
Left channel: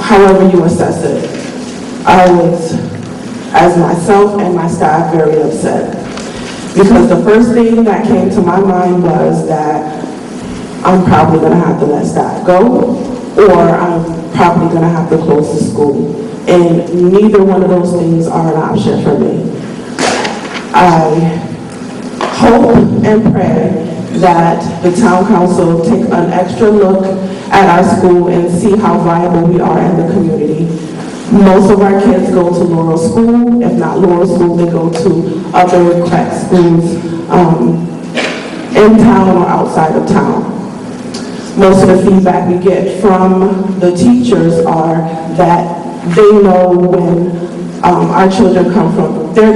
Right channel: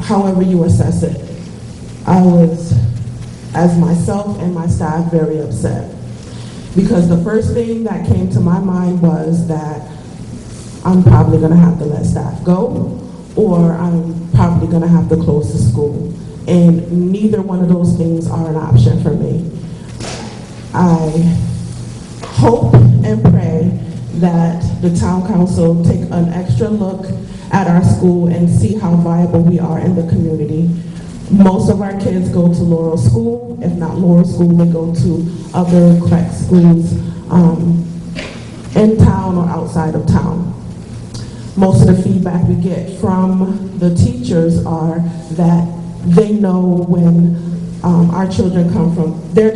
however you assess it, I was, as myself and my staff, very upset. Because the first thing that came to my mind was that I'm probably going to have to let staff go, or I'm probably going to have to close the school. And neither one of those things are an option for me. I hope and pray that the town council take an extra look at our school and see how viable we are in the community. Most of our kids go to Laurel School. If not Laurel School, they go to other crack schools in town or outside of town. Most of the feedback we get from the teachers are that they know when our children come from, the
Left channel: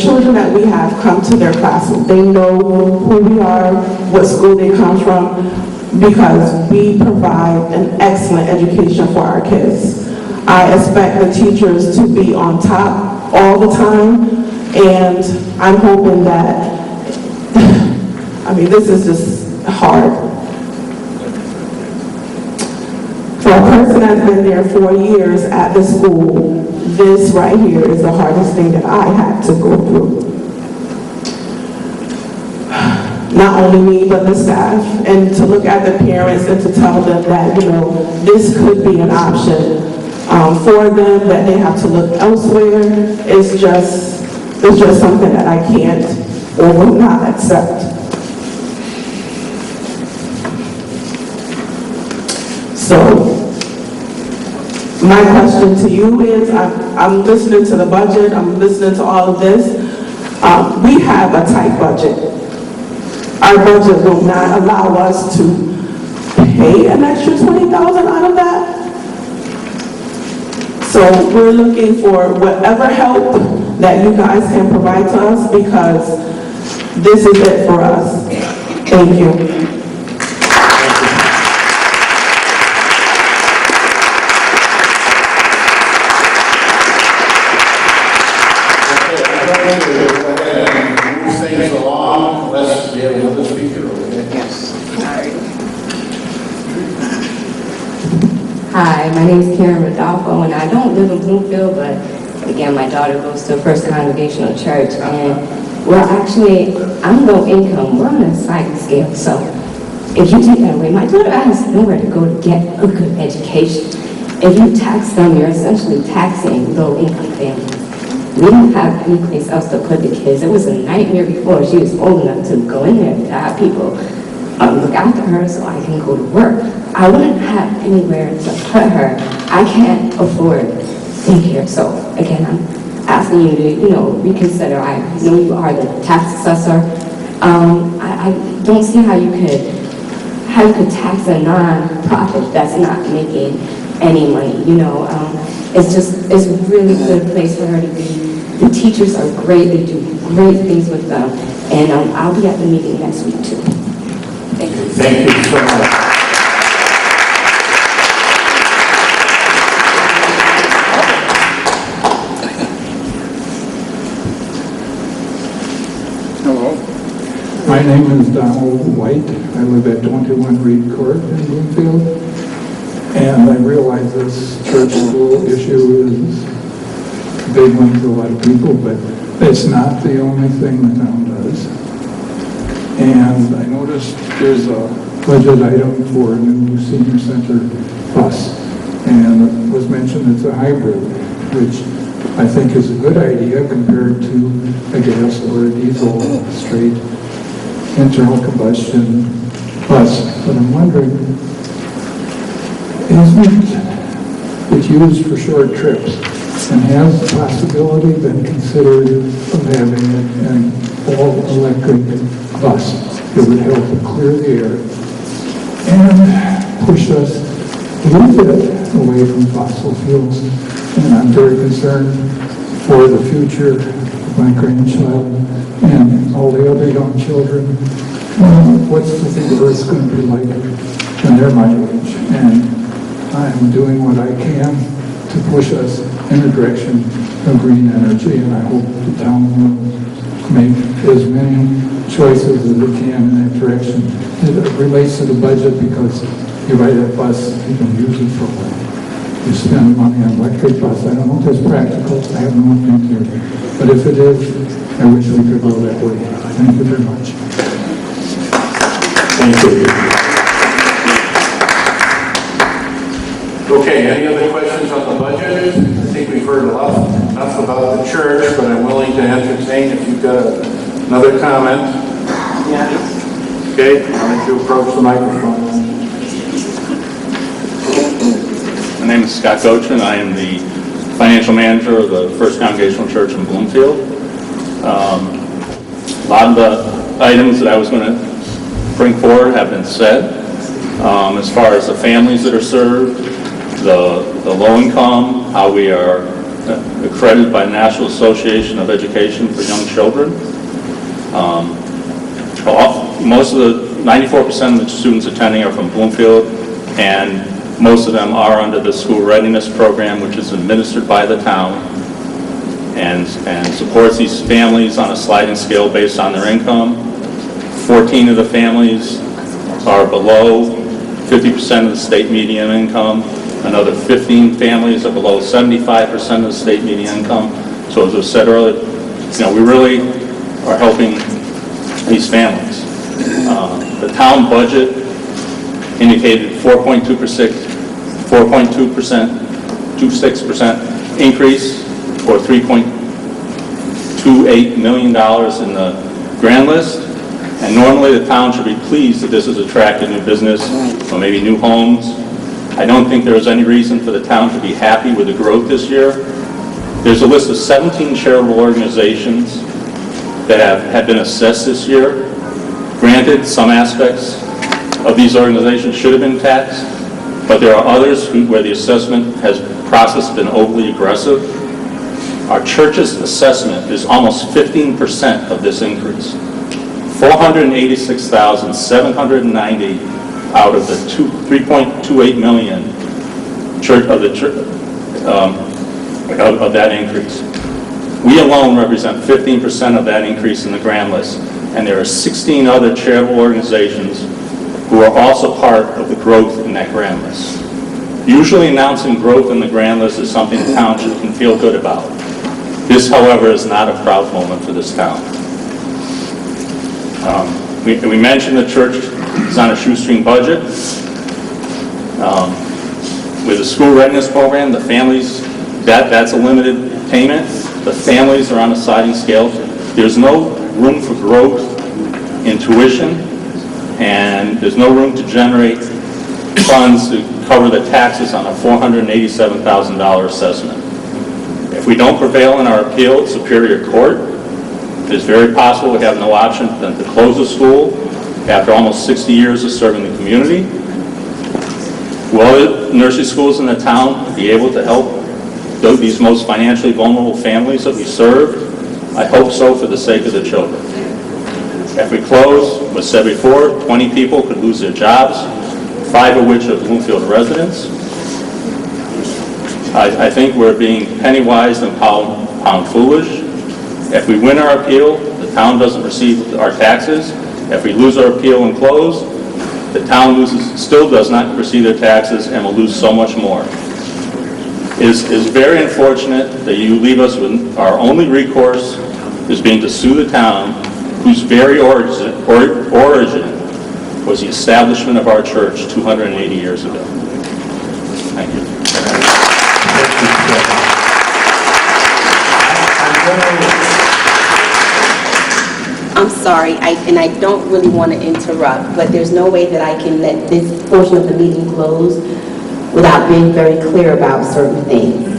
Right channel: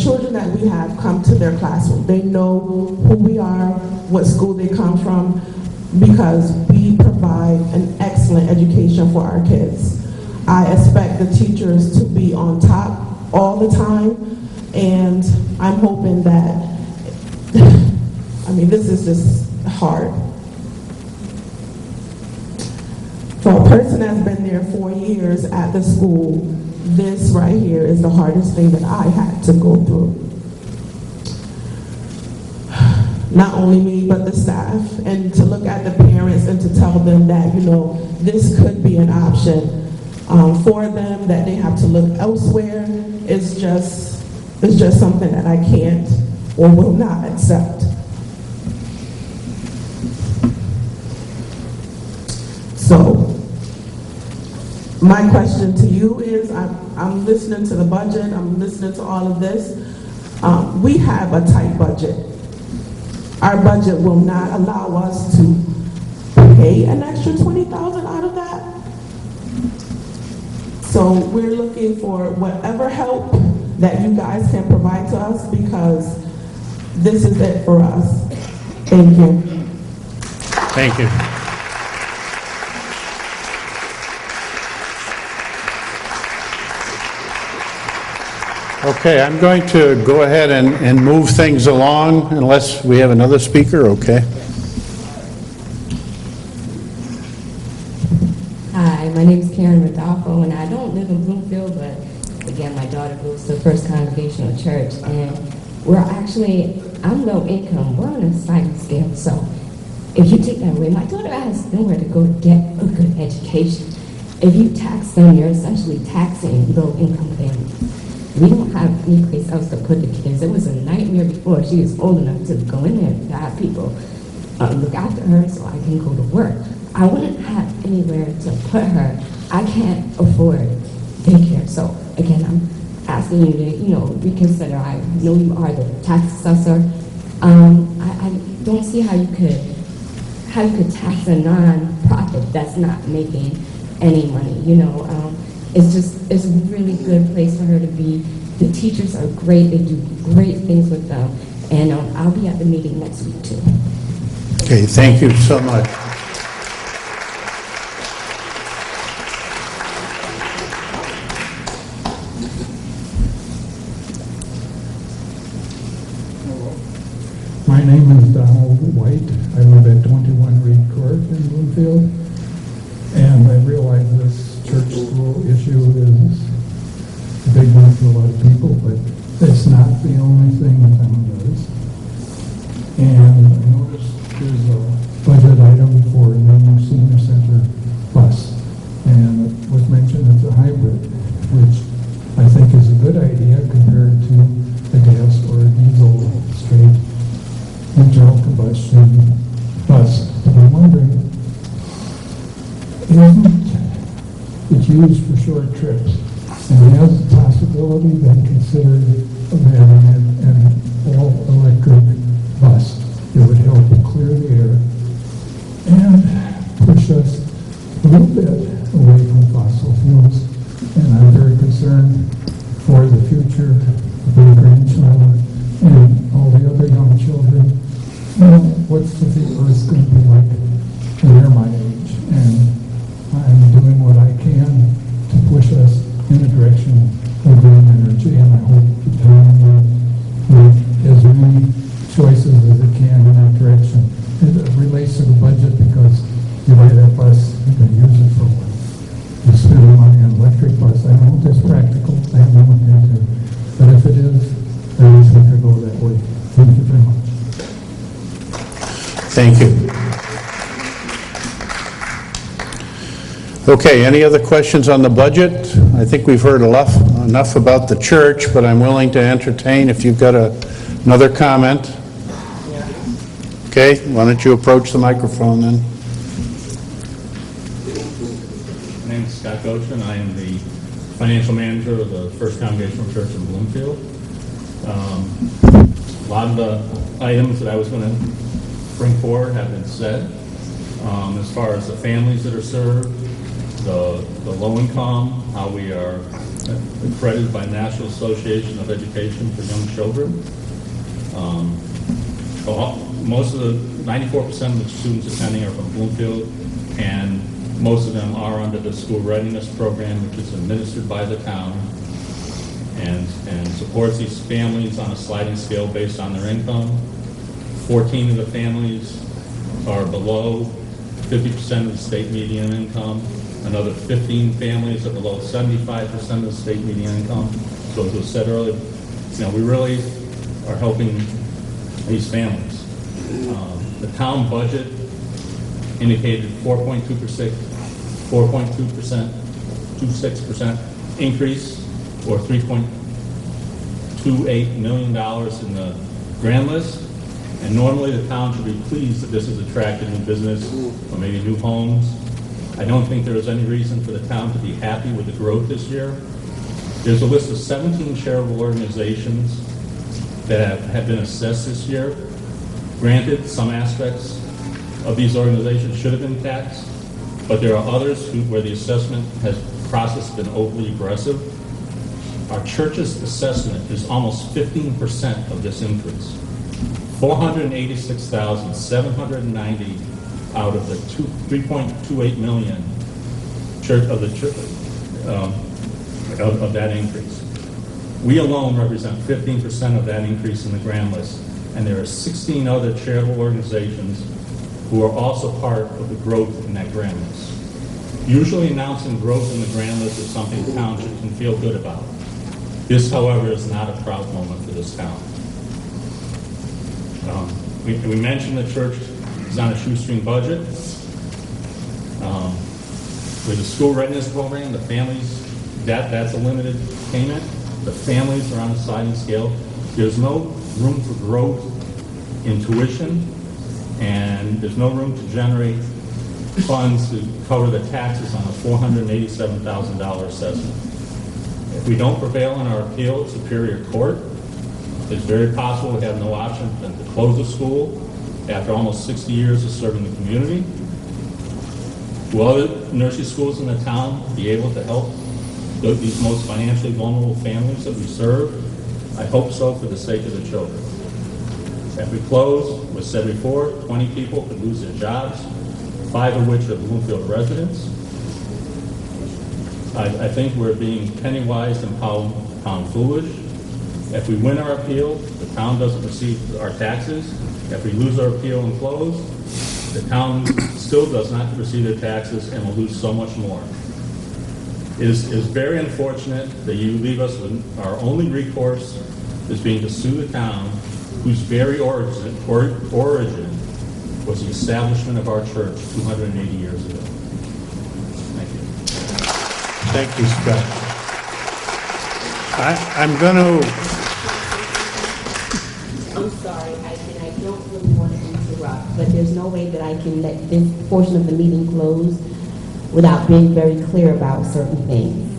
children that we have come to their classroom. They know who we are, what school they come from, because we provide an excellent education for our kids. I expect the teachers to be on top all the time, and I'm hoping that, I mean, this is just hard. For a person that's been there 4 years at the school, this right here is the hardest thing that I had to go through. Not only me, but the staff, and to look at the parents and to tell them that, you know, this could be an option for them, that they have to look elsewhere, is just something that I can't or will not accept. So, my question to you is, I'm listening to the budget, I'm listening to all of this. We have a tight budget. Our budget will not allow us to pay an extra $20,000 out of that. So we're looking for whatever help that you guys can provide to us, because this is it for us. Thank you. Thank you. Okay, I'm going to go ahead and move things along, unless we have another speaker, okay? Yes. Hi, my name is Karen Rodolfo, and I don't live in Bloomfield, but again, my daughter goes to First Congregational Church, and well, actually, I'm low income. We're on a sliding scale, so if you take that away, my daughter has nowhere to go to get a good education. If you tax them, you're essentially taxing low income families. We don't have any place else to put the kids. It was a nightmare before she was old enough to go in there to have people look after her so I can go to work. I wouldn't have anywhere to put her. I can't afford daycare. So again, I'm asking you to, reconsider. I know you are the tax assessor. I don't see how you could tax a non-profit that's not making any money. It's a really good place for her to be. The teachers are great. They do great things with them. And I'll be at the meeting next week too. Okay, thank you so much. Hello. My name is Donald White. I live at 21 Reed Court in Bloomfield. And I realize this church school issue is a big one for a lot of people, but it's not the only thing the town does. And I noticed there's a budget item for a new senior center bus. And it was mentioned it's a hybrid, which I think is a good idea compared to a gas or a diesel straight internal combustion bus. But I'm wondering, isn't it used for short trips? And has the possibility been considered of having an all-electric bus? It would help to clear the air and push us a little bit away from fossil fuels. And I'm very concerned for the future of my grandchild and all the other young children. What's the Earth going to be like when they're my age? And I'm doing what I can to push us in the direction of green energy, and I hope the town will make as many choices as it can in that direction. It relates to the budget because you ride that bus, you can use it for a while. You spend money on an electric bus. I don't know if that's practical. I haven't looked into it. But if it is, I wish we could go that way. Thank you very much. Thank you. Okay, any other questions on the budget? I think we've heard enough about the church, but I'm willing to entertain if you've got another comment. Okay, why don't you approach the microphone then? My name is Scott Gochin. I am the financial manager of the First Congregational Church in Bloomfield. A lot of the items that I was going to bring forward have been said. As far as the families that are served, the low income, how we are accredited by the National Association of Education for Young Children. Most of the 94% of the students attending are from Bloomfield, and most of them are under the school readiness program, which is administered by the town and supports these families on a sliding scale based on their income. 14 of the families are below 50% of the state median income. Another 15 families are below 75% of the state median income. So as I said earlier, we really are helping these families. The town budget indicated 4.26% increase, or $3.28 million in the grand list. And normally the town should be pleased that this has attracted new business or maybe new homes. I don't think there is any reason for the town to be happy with the growth this year. There's a list of 17 charitable organizations that have been assessed this year. Granted, some aspects of these organizations should have been taxed, but there are others where the assessment process has been overly aggressive. Our church's assessment is almost 15% of this increase. 486,790 out of the 3.28 million of that increase. We alone represent 15% of that increase in the grand list, and there are 16 other charitable organizations who are also part of the growth in that grand list. Usually announcing growth in the grand list is something the township can feel good about. This, however, is not a proud moment for this town. We mentioned the church is on a shoestring budget. With the school readiness program, the families, that's a limited payment. The families are on a sliding scale. There's no room for growth in tuition, and there's no room to generate funds to cover the taxes on a $487,000 assessment. If we don't prevail in our appeal at Superior Court, it's very possible we have no option than to close the school after almost 60 years of serving the community. Will other nursery schools in the town be able to help these most financially vulnerable families that we serve? I hope so, for the sake of the children. If we close, as said before, 20 people could lose their jobs, 5 of which are Bloomfield residents. I think we're being penny wise and pound foolish. If we win our appeal, the town doesn't receive our taxes. If we lose our appeal and close, the town still does not receive their taxes and will lose so much more. It is very unfortunate that you leave us with our only recourse is being to sue the town whose very origin was the establishment of our church 280 years ago. Thank you. I'm sorry, and I don't really want to interrupt, but there's no way that I can let this portion of the meeting close without being very clear about certain things.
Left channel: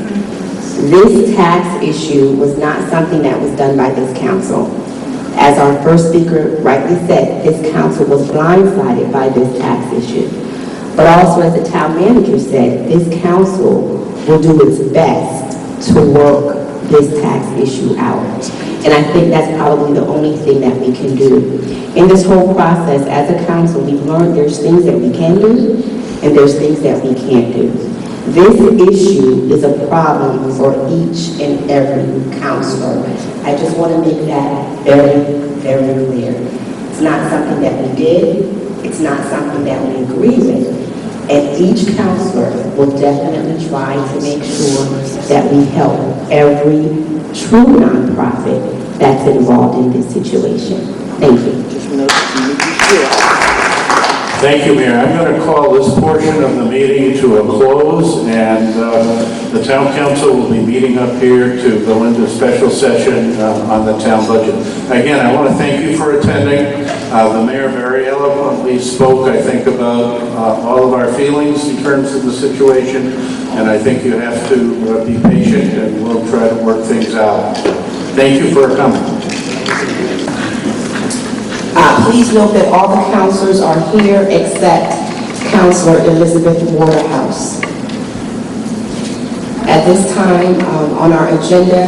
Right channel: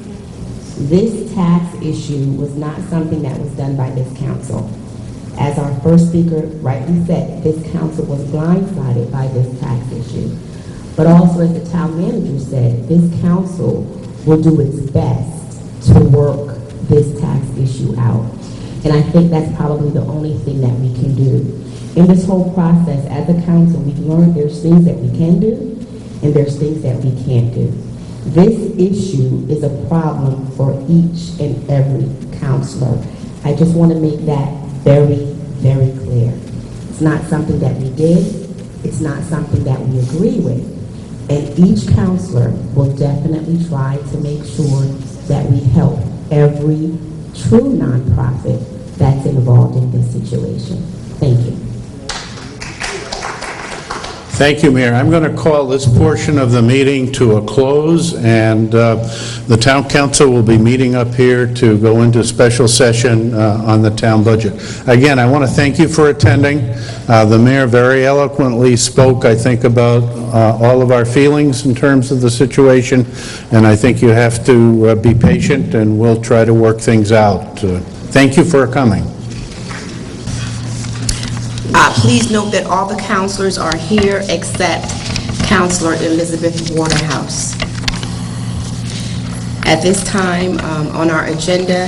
This tax issue was not something that was done by this council. As our first speaker rightly said, this council was blindsided by this tax issue. But also, as the town manager said, this council will do its best to work this tax issue out. And I think that's probably the only thing that we can do. In this whole process, as a council, we've learned there's things that we can do and there's things that we can't do. This issue is a problem for each and every councilor. I just want to make that very, very clear. It's not something that we did. It's not something that we agree with. And each councilor will definitely try to make sure that we help every true nonprofit that's involved in this situation. Thank you. Thank you, Mayor. I'm going to call this portion of the meeting to a close, and the town council will be meeting up here to go into special session on the town budget. Again, I want to thank you for attending. The mayor very eloquently spoke, I think, about all of our feelings in terms of the situation, and I think you have to be patient, and we'll try to work things out. Thank you for coming. Please note that all the councilors are here except Councilor Elizabeth Waterhouse. At this time, on our agenda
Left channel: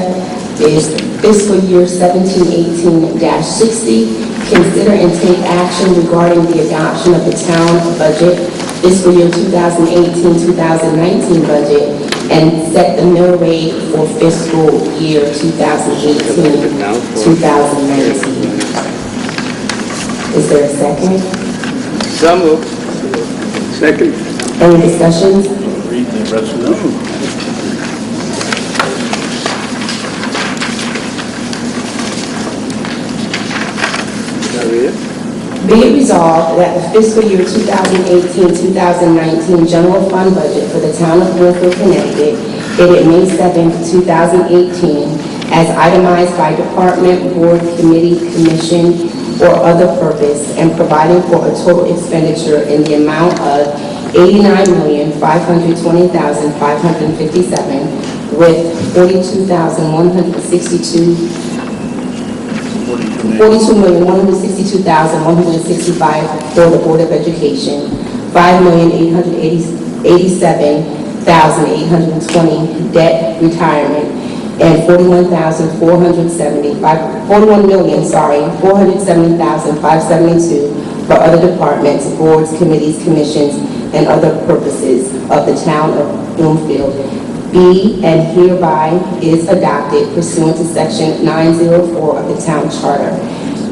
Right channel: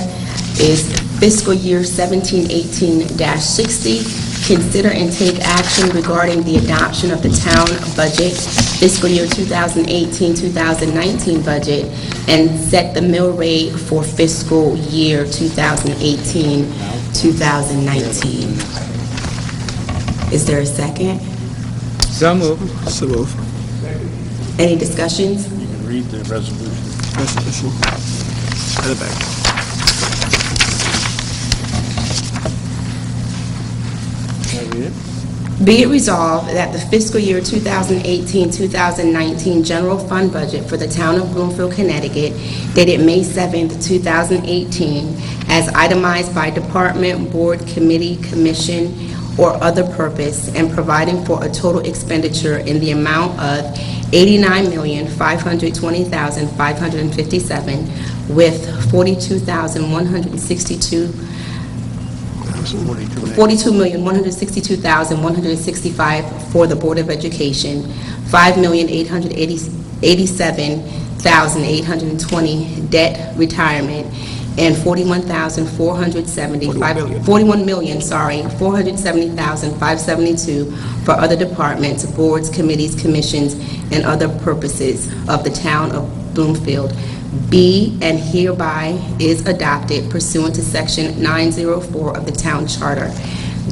is fiscal year 17-18-60. Consider and take action regarding the adoption of the town budget, fiscal year 2018-2019 budget, and set the mill rate for fiscal year 2018-2019. Is there a second? So moved. Second. Any discussions? Read the resolution. Be it resolved that the fiscal year 2018-2019 general fund budget for the town of Bloomfield, Connecticut, dated May 7, 2018, as itemized by department, board, committee, commission, or other purpose, and providing for a total expenditure in the amount of $89,520,557, with $42,162,165 for the Board of Education, $5,887,820 debt retirement, and $41,470,572 for other departments, boards, committees, commissions, and other purposes of the town of Bloomfield. Be and hereby is adopted pursuant to section 904 of the town charter.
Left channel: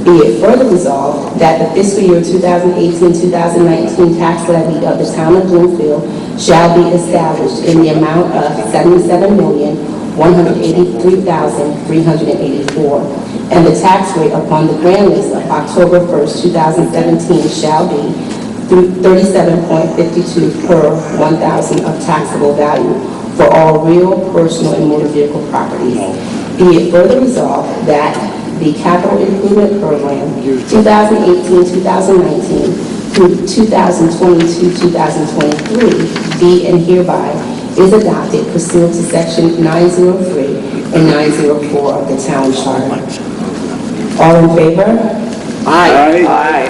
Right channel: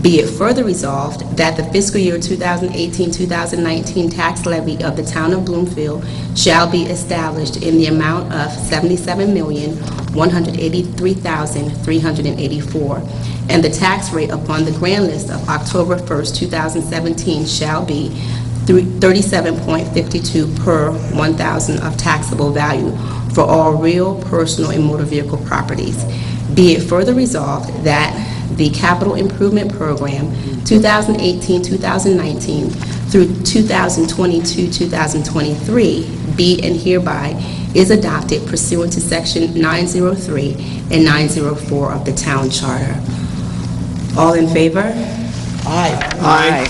Be it further resolved that the fiscal year 2018-2019 tax levy of the town of Bloomfield shall be established in the amount of $77,183,384, and the tax rate upon the grand list of October 1st, 2017 shall be 37.52 per 1,000 of taxable value for all real, personal, and motor vehicle properties. Be it further resolved that the Capital Improvement Program 2018-2019 through 2022-2023 be and hereby is adopted pursuant to section 903 and 904 of the town charter. All in favor? Aye. Aye.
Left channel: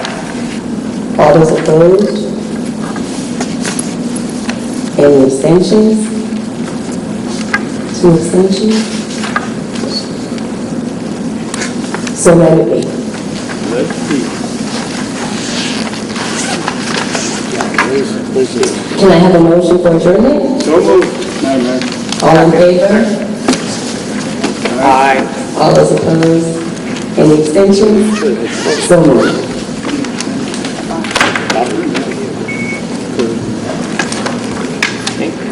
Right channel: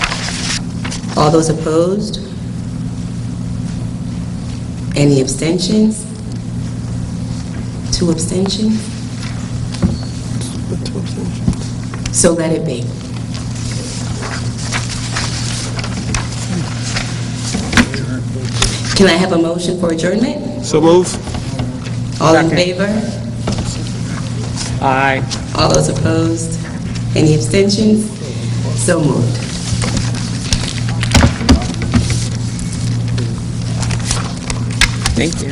All those opposed? Any abstentions? 2 abstentions? So let it be. Can I have a motion for adjournment? So moved. All in favor? Aye. All those opposed? Any abstentions? So moved. Thank you.